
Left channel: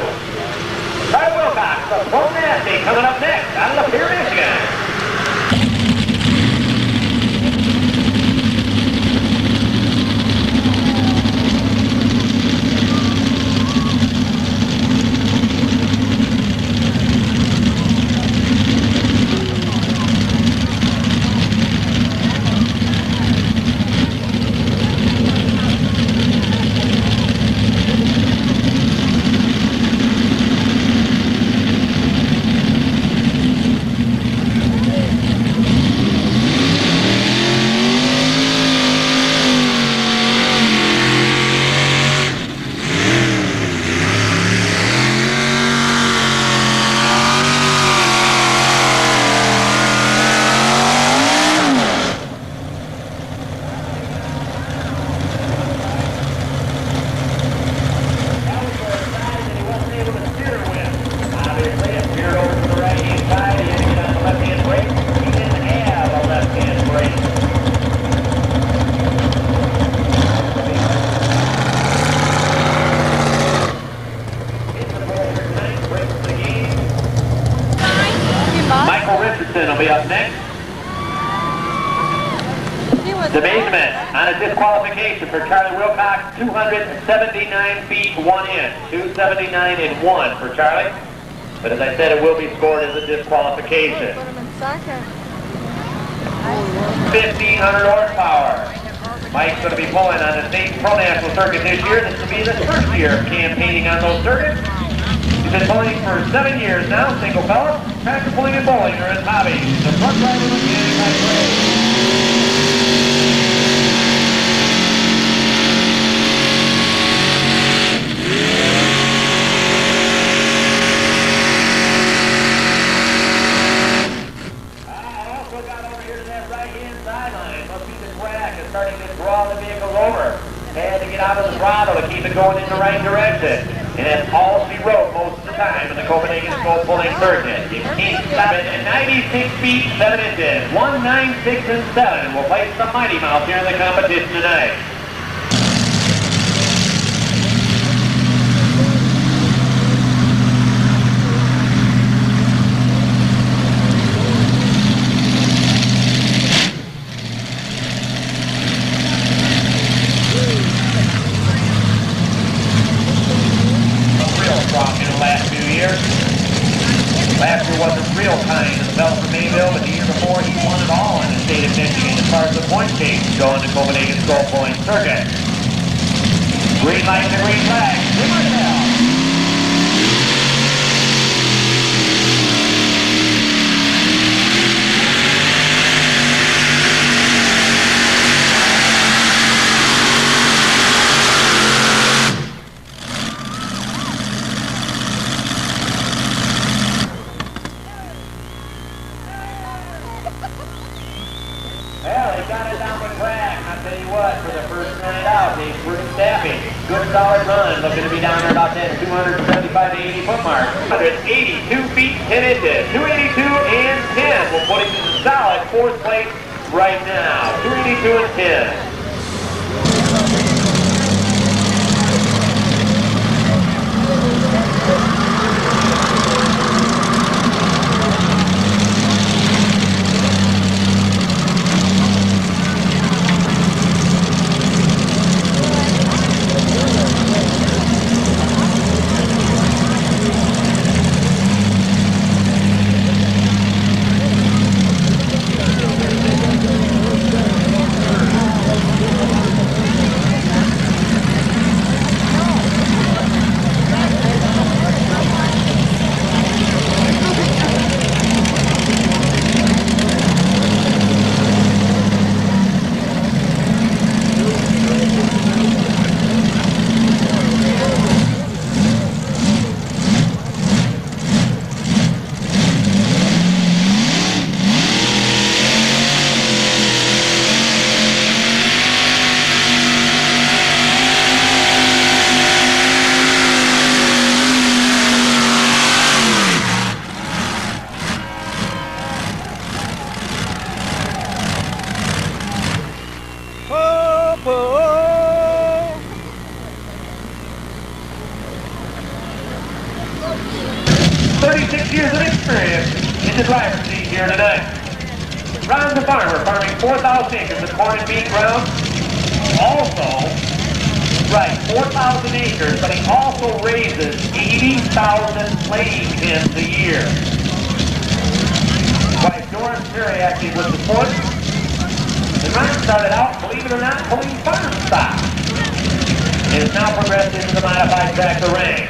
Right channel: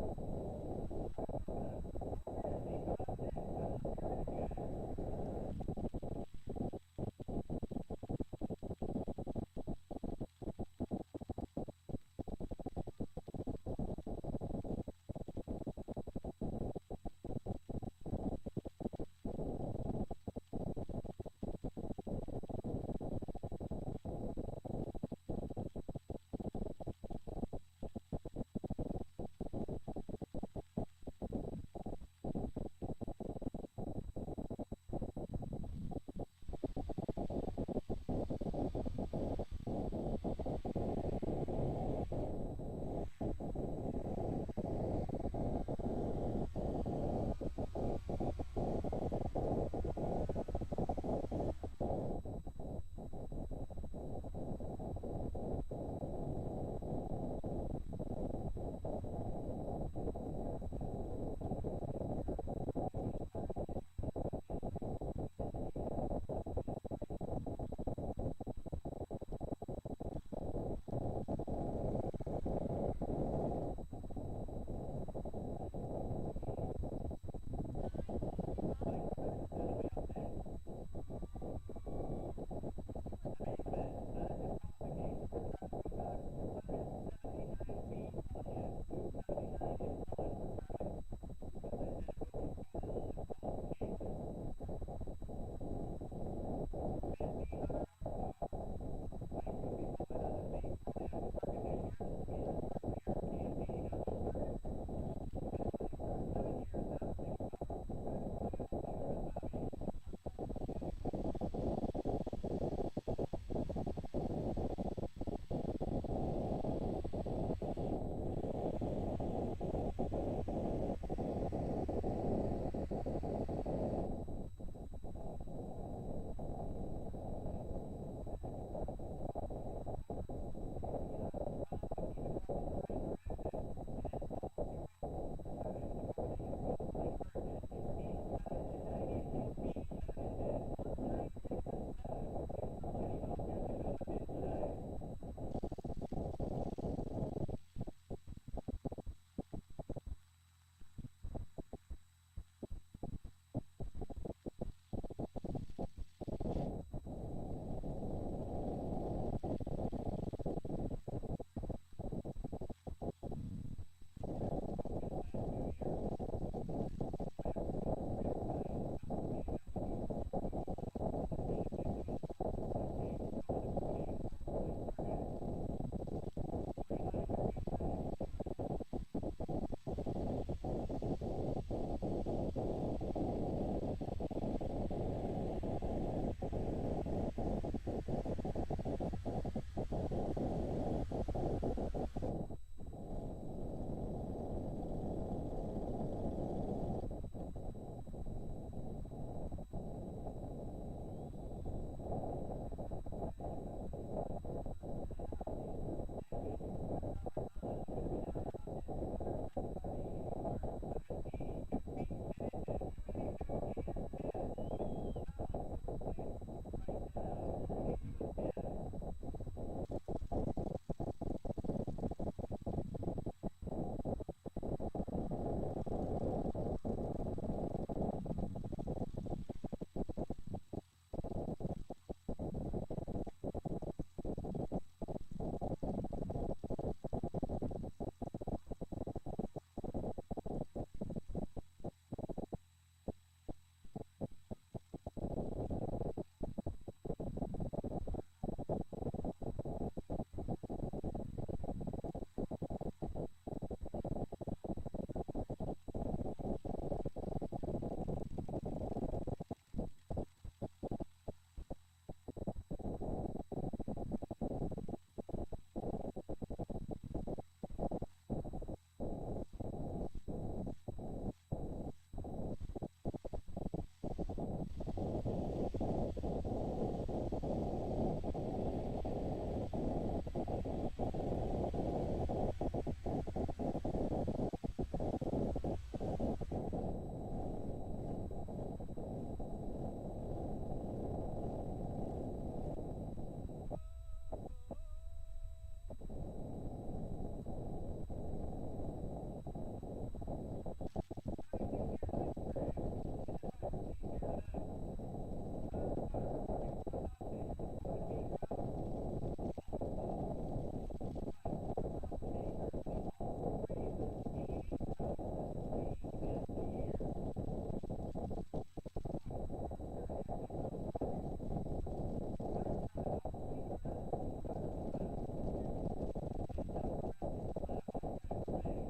Charlie Wilcox, the Pro Nasty, coming up next out of Lapeer, Michigan. Will be up next. The basement on a disqualification for Charlie Wilcox, 279 feet 1 inch. 279 and 1 for Charlie. But as I said, it will be scored as a disqualification. 1,500 horsepower. Mike's going to be pulling on the state pro national circuit this year. This will be the first year of campaigning on those circuits. He's been pulling for 7 years now, single fella. Tractor pulling and bowling are his hobby. The front driver of the anti-brake. Starting to draw the vehicle over. Had to get out of the throttle to keep it going in the right direction. And that's all she wrote most of the time in the Copenhagen Skull Pulling Circuit. You can't stop it at 96 feet 7 inches. 196 and 7 will place the Mighty Mouse here in the competition tonight. Last year wasn't real kind to the fellow from Mayville, but the year before he won it all in the state of Michigan as far as the point case going to Copenhagen Skull Pulling Circuit. Green light and green flag. Well, they got it down the track. I'll tell you what, for the first night out, they were staffing. Good solid run, looking to be down there about that 275 to 80 foot mark. 182 feet 10 inches. 282 and 10 will put him in the solid fourth place right now. 282 and 10. 36 years of experience in the driver's seat here tonight. Ron's a farmer, farming 4,000 acres of corn and bean ground. Also, right, 4,000 acres, but he also raises 80,000 laying hens a year. Wife Doris, very active with the sport. And Ron started out, believe it or not, pulling farm stock. And has now progressed into the modified tractor range.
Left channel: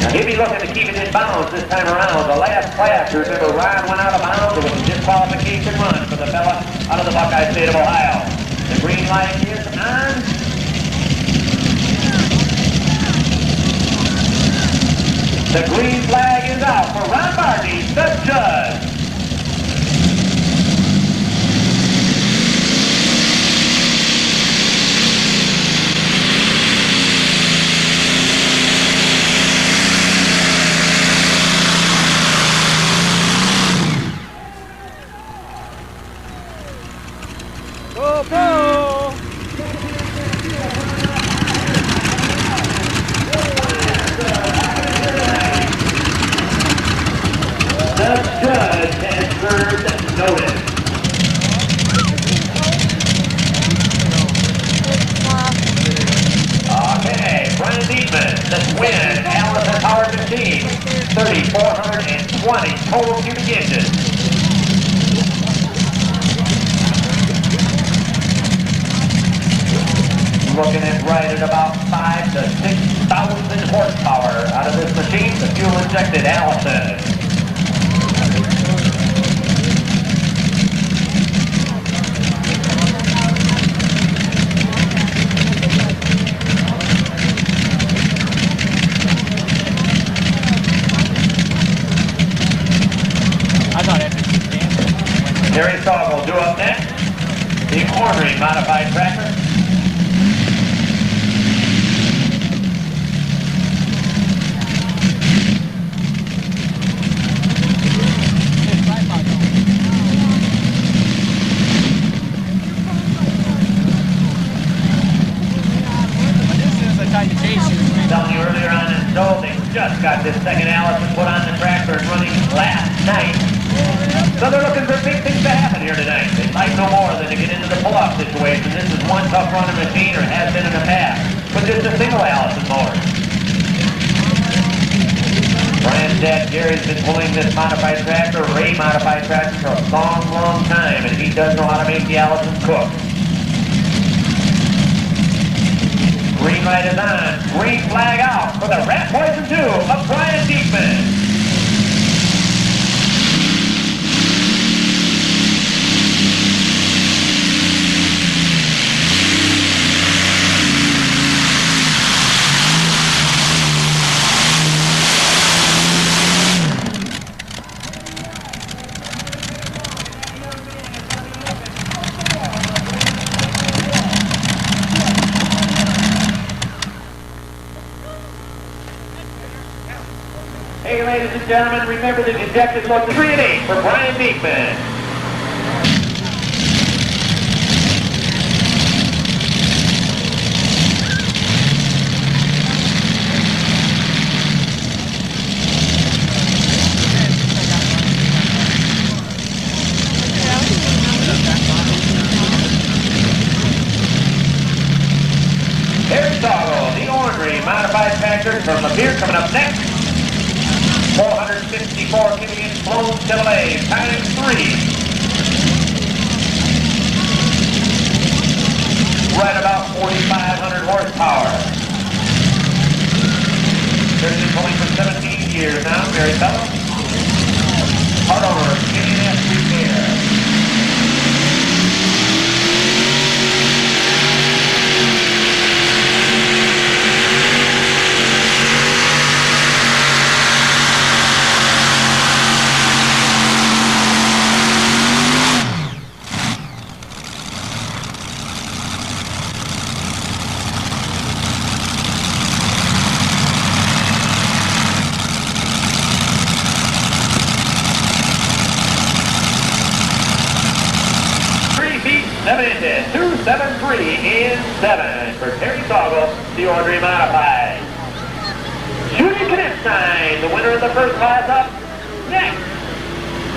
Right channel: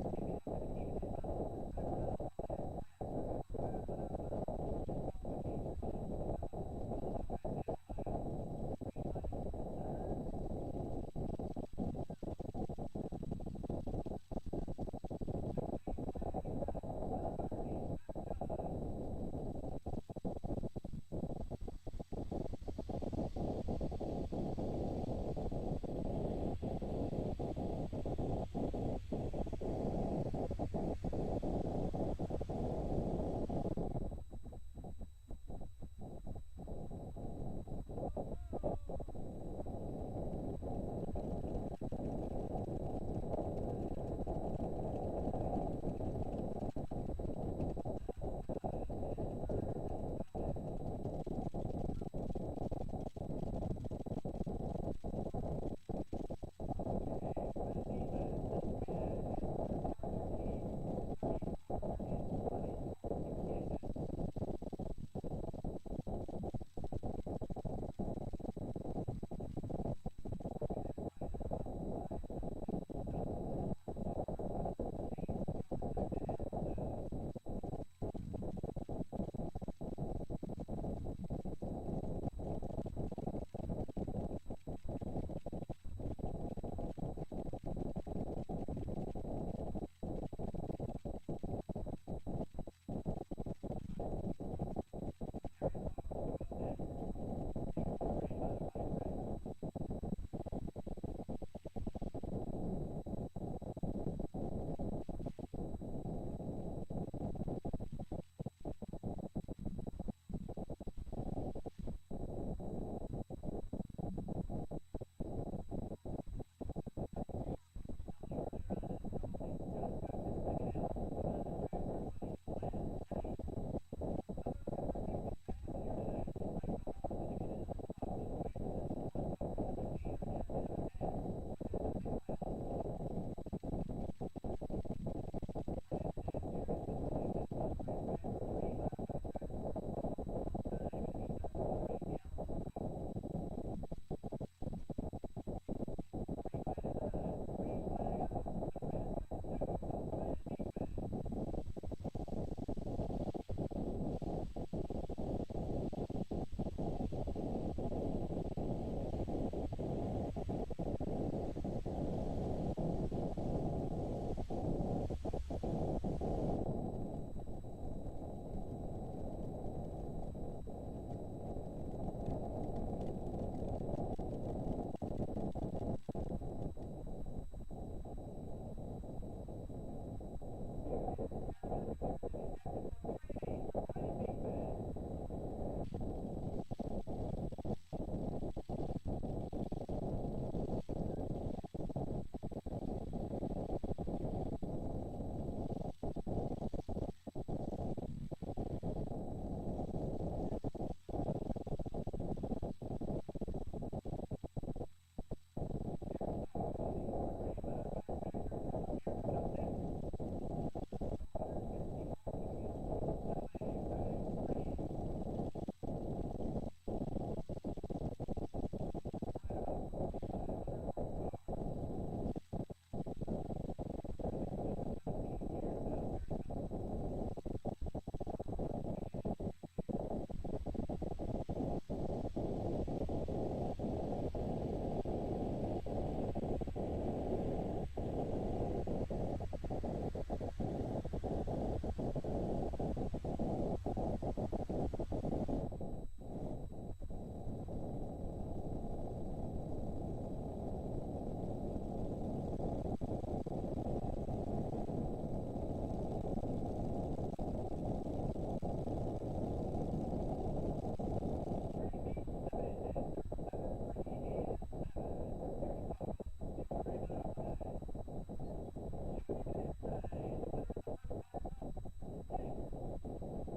Now he'll be looking to keep it in bounds this time around. The last class, you remember, Ron went out of bounds. It was a disqualification run for the fella out of the Buckeye State of Ohio. The green light is on. The green flag is out for Ron Barney, the judge. Go, go! The judge has served notice. Okay, Brian Diekman, the twin Allison powered machine, 3,420 total cubic inches. Looking at right at about 5,000 to 6,000 horsepower out of this machine, the fuel injected Allison. Terry Sogg will do up next. The Wolverine modified tractor. Telling you earlier on in the show, they just got this second Allison put on the tractor and running last night. So they're looking for big things to happen here tonight. They'd like no more than to get into the pull-off situation. This is one tough running machine, or has been in the past, but just a single Allison motor. Brian's dad, Gary's been pulling this modified tractor, Ray modified tractor, for a long, long time, and he does know how to make the Allison cook. Green light is on. Green flag out for the Rat Poison 2 of Brian Diekman. Hey, ladies and gentlemen, remember the ejected look 3 and 8 for Brian Diekman. There's Doggo, the ornery modified tractor from Lapeer coming up next. 464 cubic inch flown Chevrolet times 3. Right about 4,500 horsepower. There's been pulling for 17 years now, Mary Fellow. Part owner of KNS Repair. minute, 2:73 in 7 for Terry Toggle, the Audrey Modified. Judy Knipstein, the winner of the first class up. Next,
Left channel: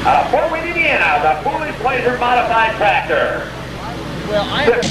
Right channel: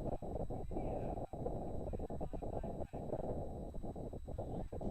out of Fort Wayne, Indiana, the Foolish Pleasure Modified Tractor. Well, I...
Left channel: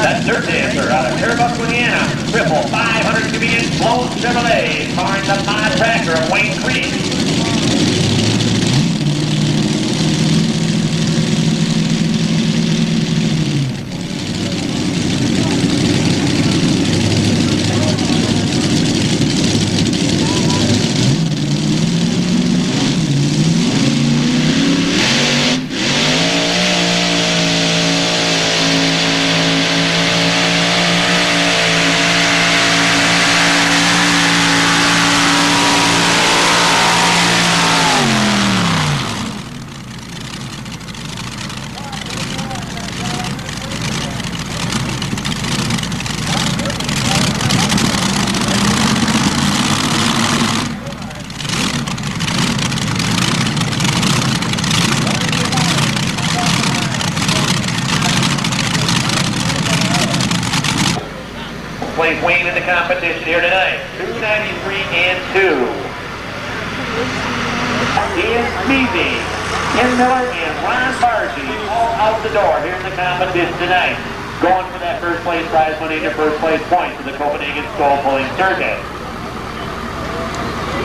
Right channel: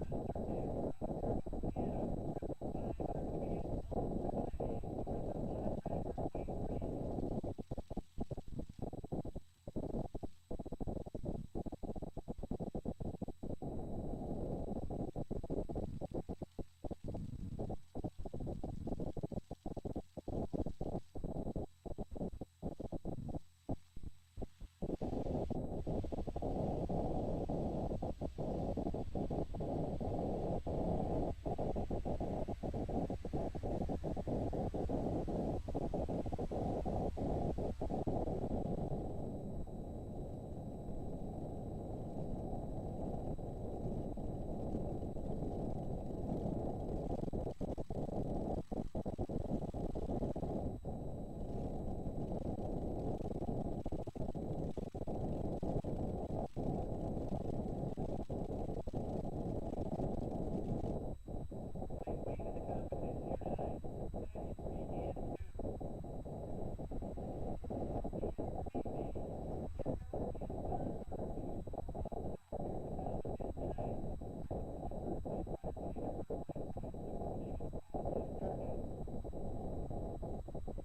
That's Dirt Dancer out of Terrebonne, Indiana. Triple 500 cubic inch blown Chevrolet, powering the mod tractor of Wayne Creek. Plays Wayne in the competition here tonight. 293 and 2. Ian Smeezy, Ken Miller, and Ron Bargy all out the door here in the competition tonight. Going for that first place prize money and your first place points for the Copenhagen Skull Pulling Circuit.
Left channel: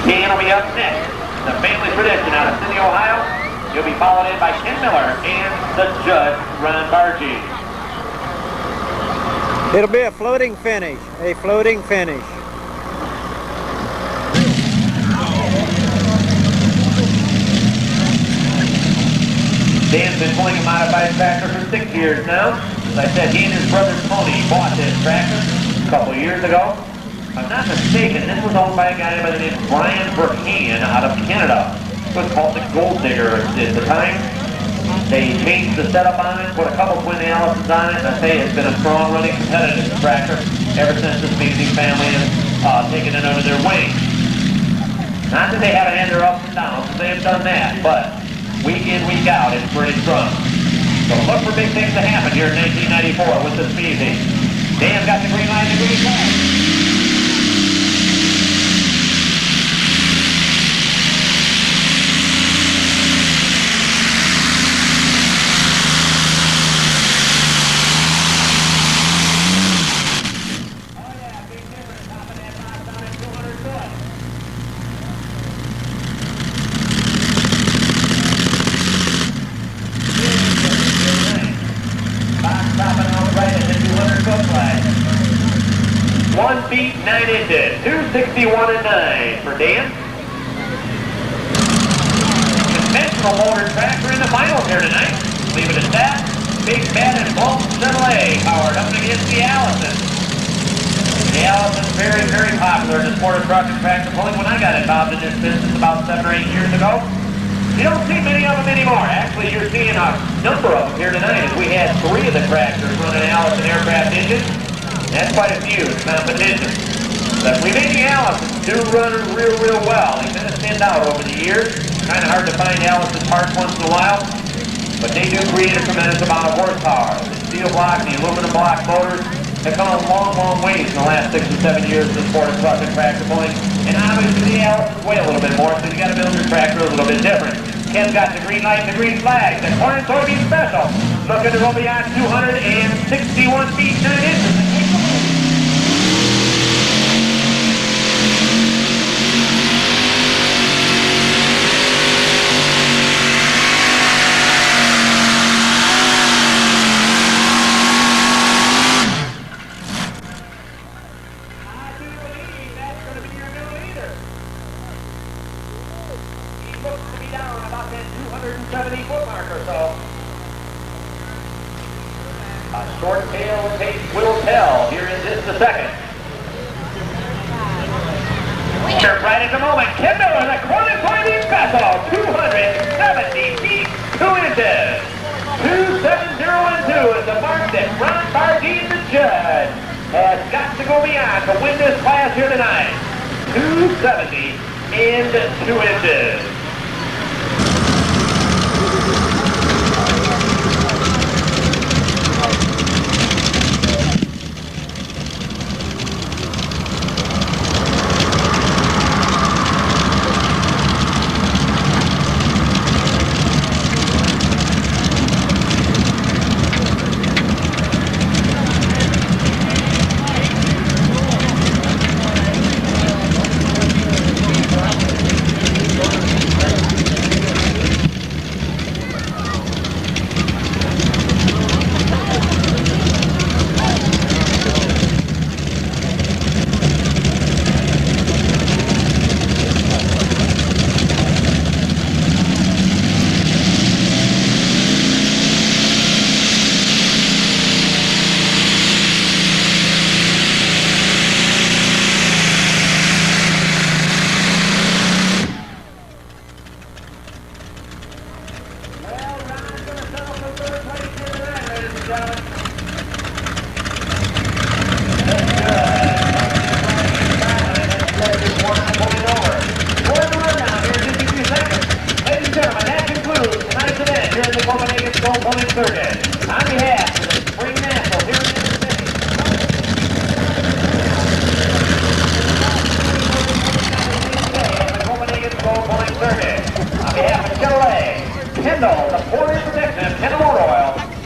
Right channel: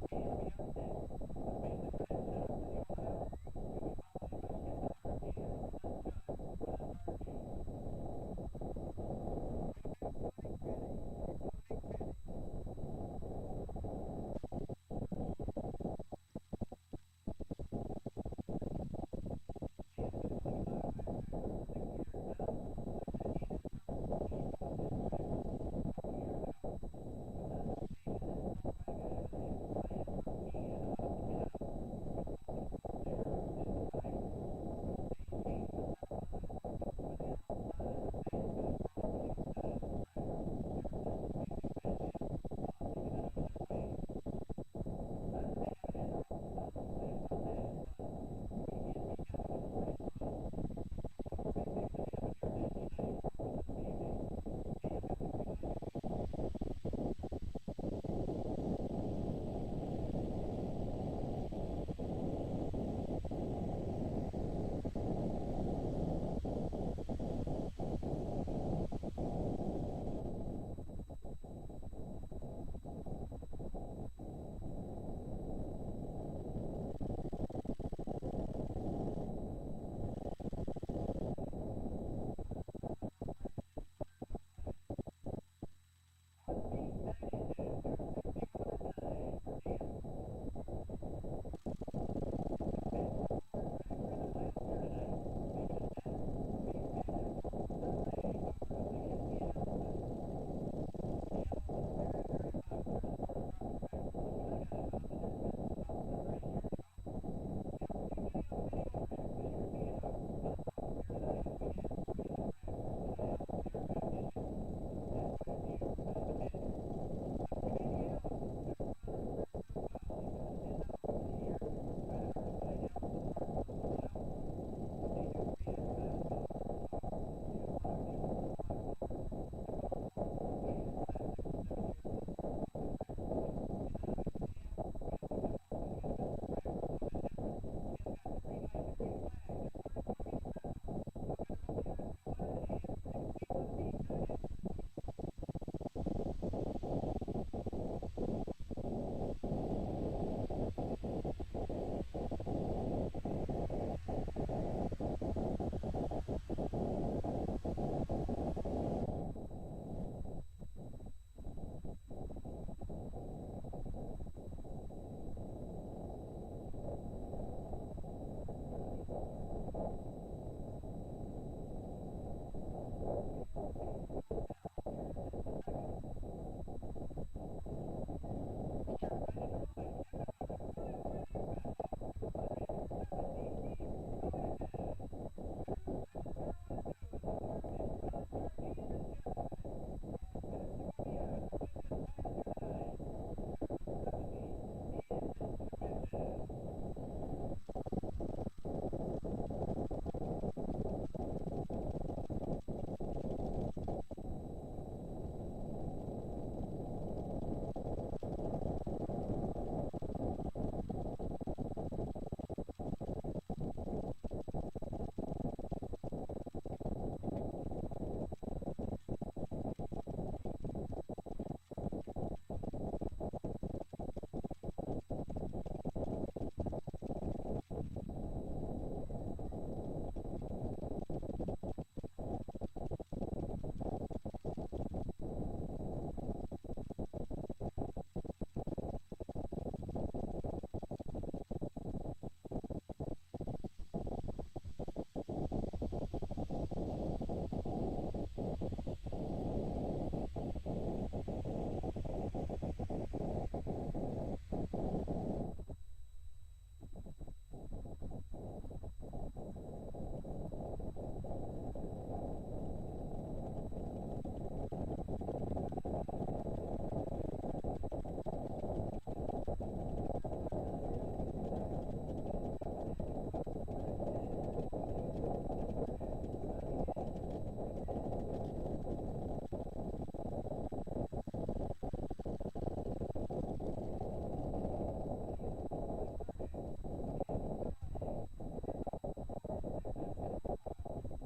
Dan will be up next. The family tradition out of Sydney, Ohio. He'll be followed in by Ken Miller and the judge, Ron Bargy. It'll be a floating finish, Dan's been pulling a modified tractor for 6 years now. As I said, he and his brother Tony bought this tractor a couple of years ago. If I'm not mistaken, this was owned by a guy by the name of Brian Burkean out of Canada. It was called the Gold Digger at the time. They changed the setup on it, put a couple twin Allisons on it, and I say it's been a strong running competitive tractor ever since the Smeezy family has taken it under their wing. Not that they haven't had their ups and downs, they have done that, but week in, week out, it's pretty strong. So look for big things to happen here in 1994 with the Smeezy. Dan's got the green light and the green flag. Feet 9 inches, 261 and 9 for Dan. Conventional motor tractor in the finals here tonight. Leave it at that. Big Bad and Blown Chevrolet powered up against the Allison. The Allison's very, very popular in the sport of truck and tractor pulling. When I got involved in this business about 7 or 8 years ago, you don't see many of them anymore. Actually, you're seeing a number of them here tonight as we had 3 of the tractors running Allison aircraft engines. That's quite a few competition. The remaining Allisons do run real well. They kind of stand out over the years. Kind of hard to find Allison parts once in a while, but they do create a tremendous amount of horsepower. The steel block, the aluminum block motors have come a long ways in the last 6 or 7 years in the sport of truck and tractor pulling. And obviously the Allisons weigh a little bit more, so you got to build your tractor a little bit different. Ken's got the green light and the green flag. The corn and soybean special. Looking to go beyond 261 feet 9 inches. 170 foot mark or so. A short tail pace will tell here in just a second. Here right at the moment, Kendall in the corner soybean vessel, 270 feet, 2 inches. 270 is the mark that Ron Bardeen, the judge, has got to go beyond to win this class here tonight. 270 and 2 inches.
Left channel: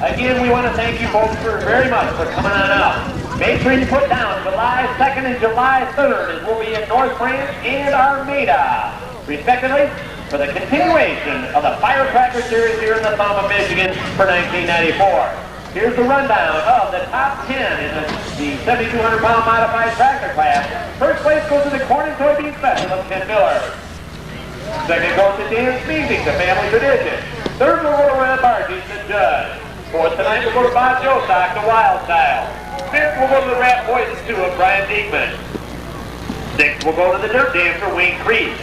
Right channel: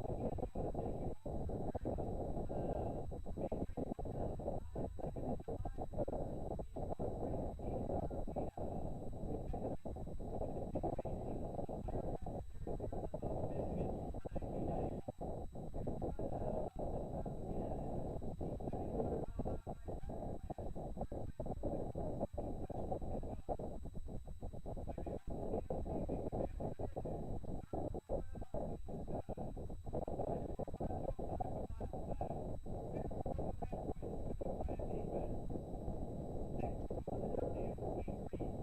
Again, we want to thank you folks very much for coming on out. Make sure you put down July 2nd and July 3rd, as we'll be in North Branch and Armada, respectively, for the continuation of the Firecracker Series here in the Thumb of Michigan for 1994. Here's the rundown of the top 10 in the 7,200-pound modified tractor class. First place goes to the Corn and Soybean Special of Ken Miller. Second goes to Dan Speasing, the family tradition. Third will go to Ron Bardeen, the judge. Fourth tonight will go to Bob Jostock, the Wild Style. Fifth will go to the Rat Poison 2 of Brian Diekman. Sixth will go to the Dirt Dancer, Wayne Creed.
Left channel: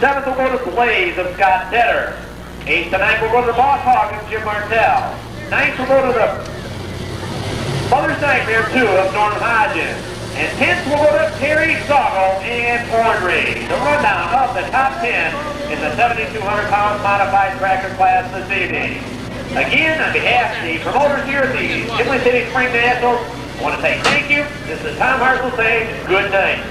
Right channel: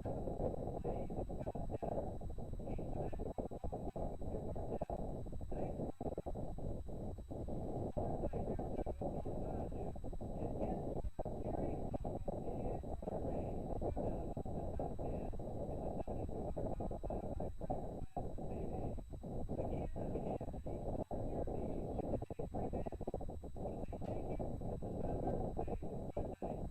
Seventh will go to Blaze of Scott Tedder. Eighth tonight will go to the Boss Hog of Jim Martell. Ninth will go to the Mother's Nightmare 2 of Norm Hodges. And 10th will go to Terry Soggle and Ornery. The rundown of the top 10 in the 7,200-pound modified tractor class this evening. Again, on behalf of the promoters here at the Imlay City Spring Nationals, I want to say thank you. This is Tom Hartzell saying good night.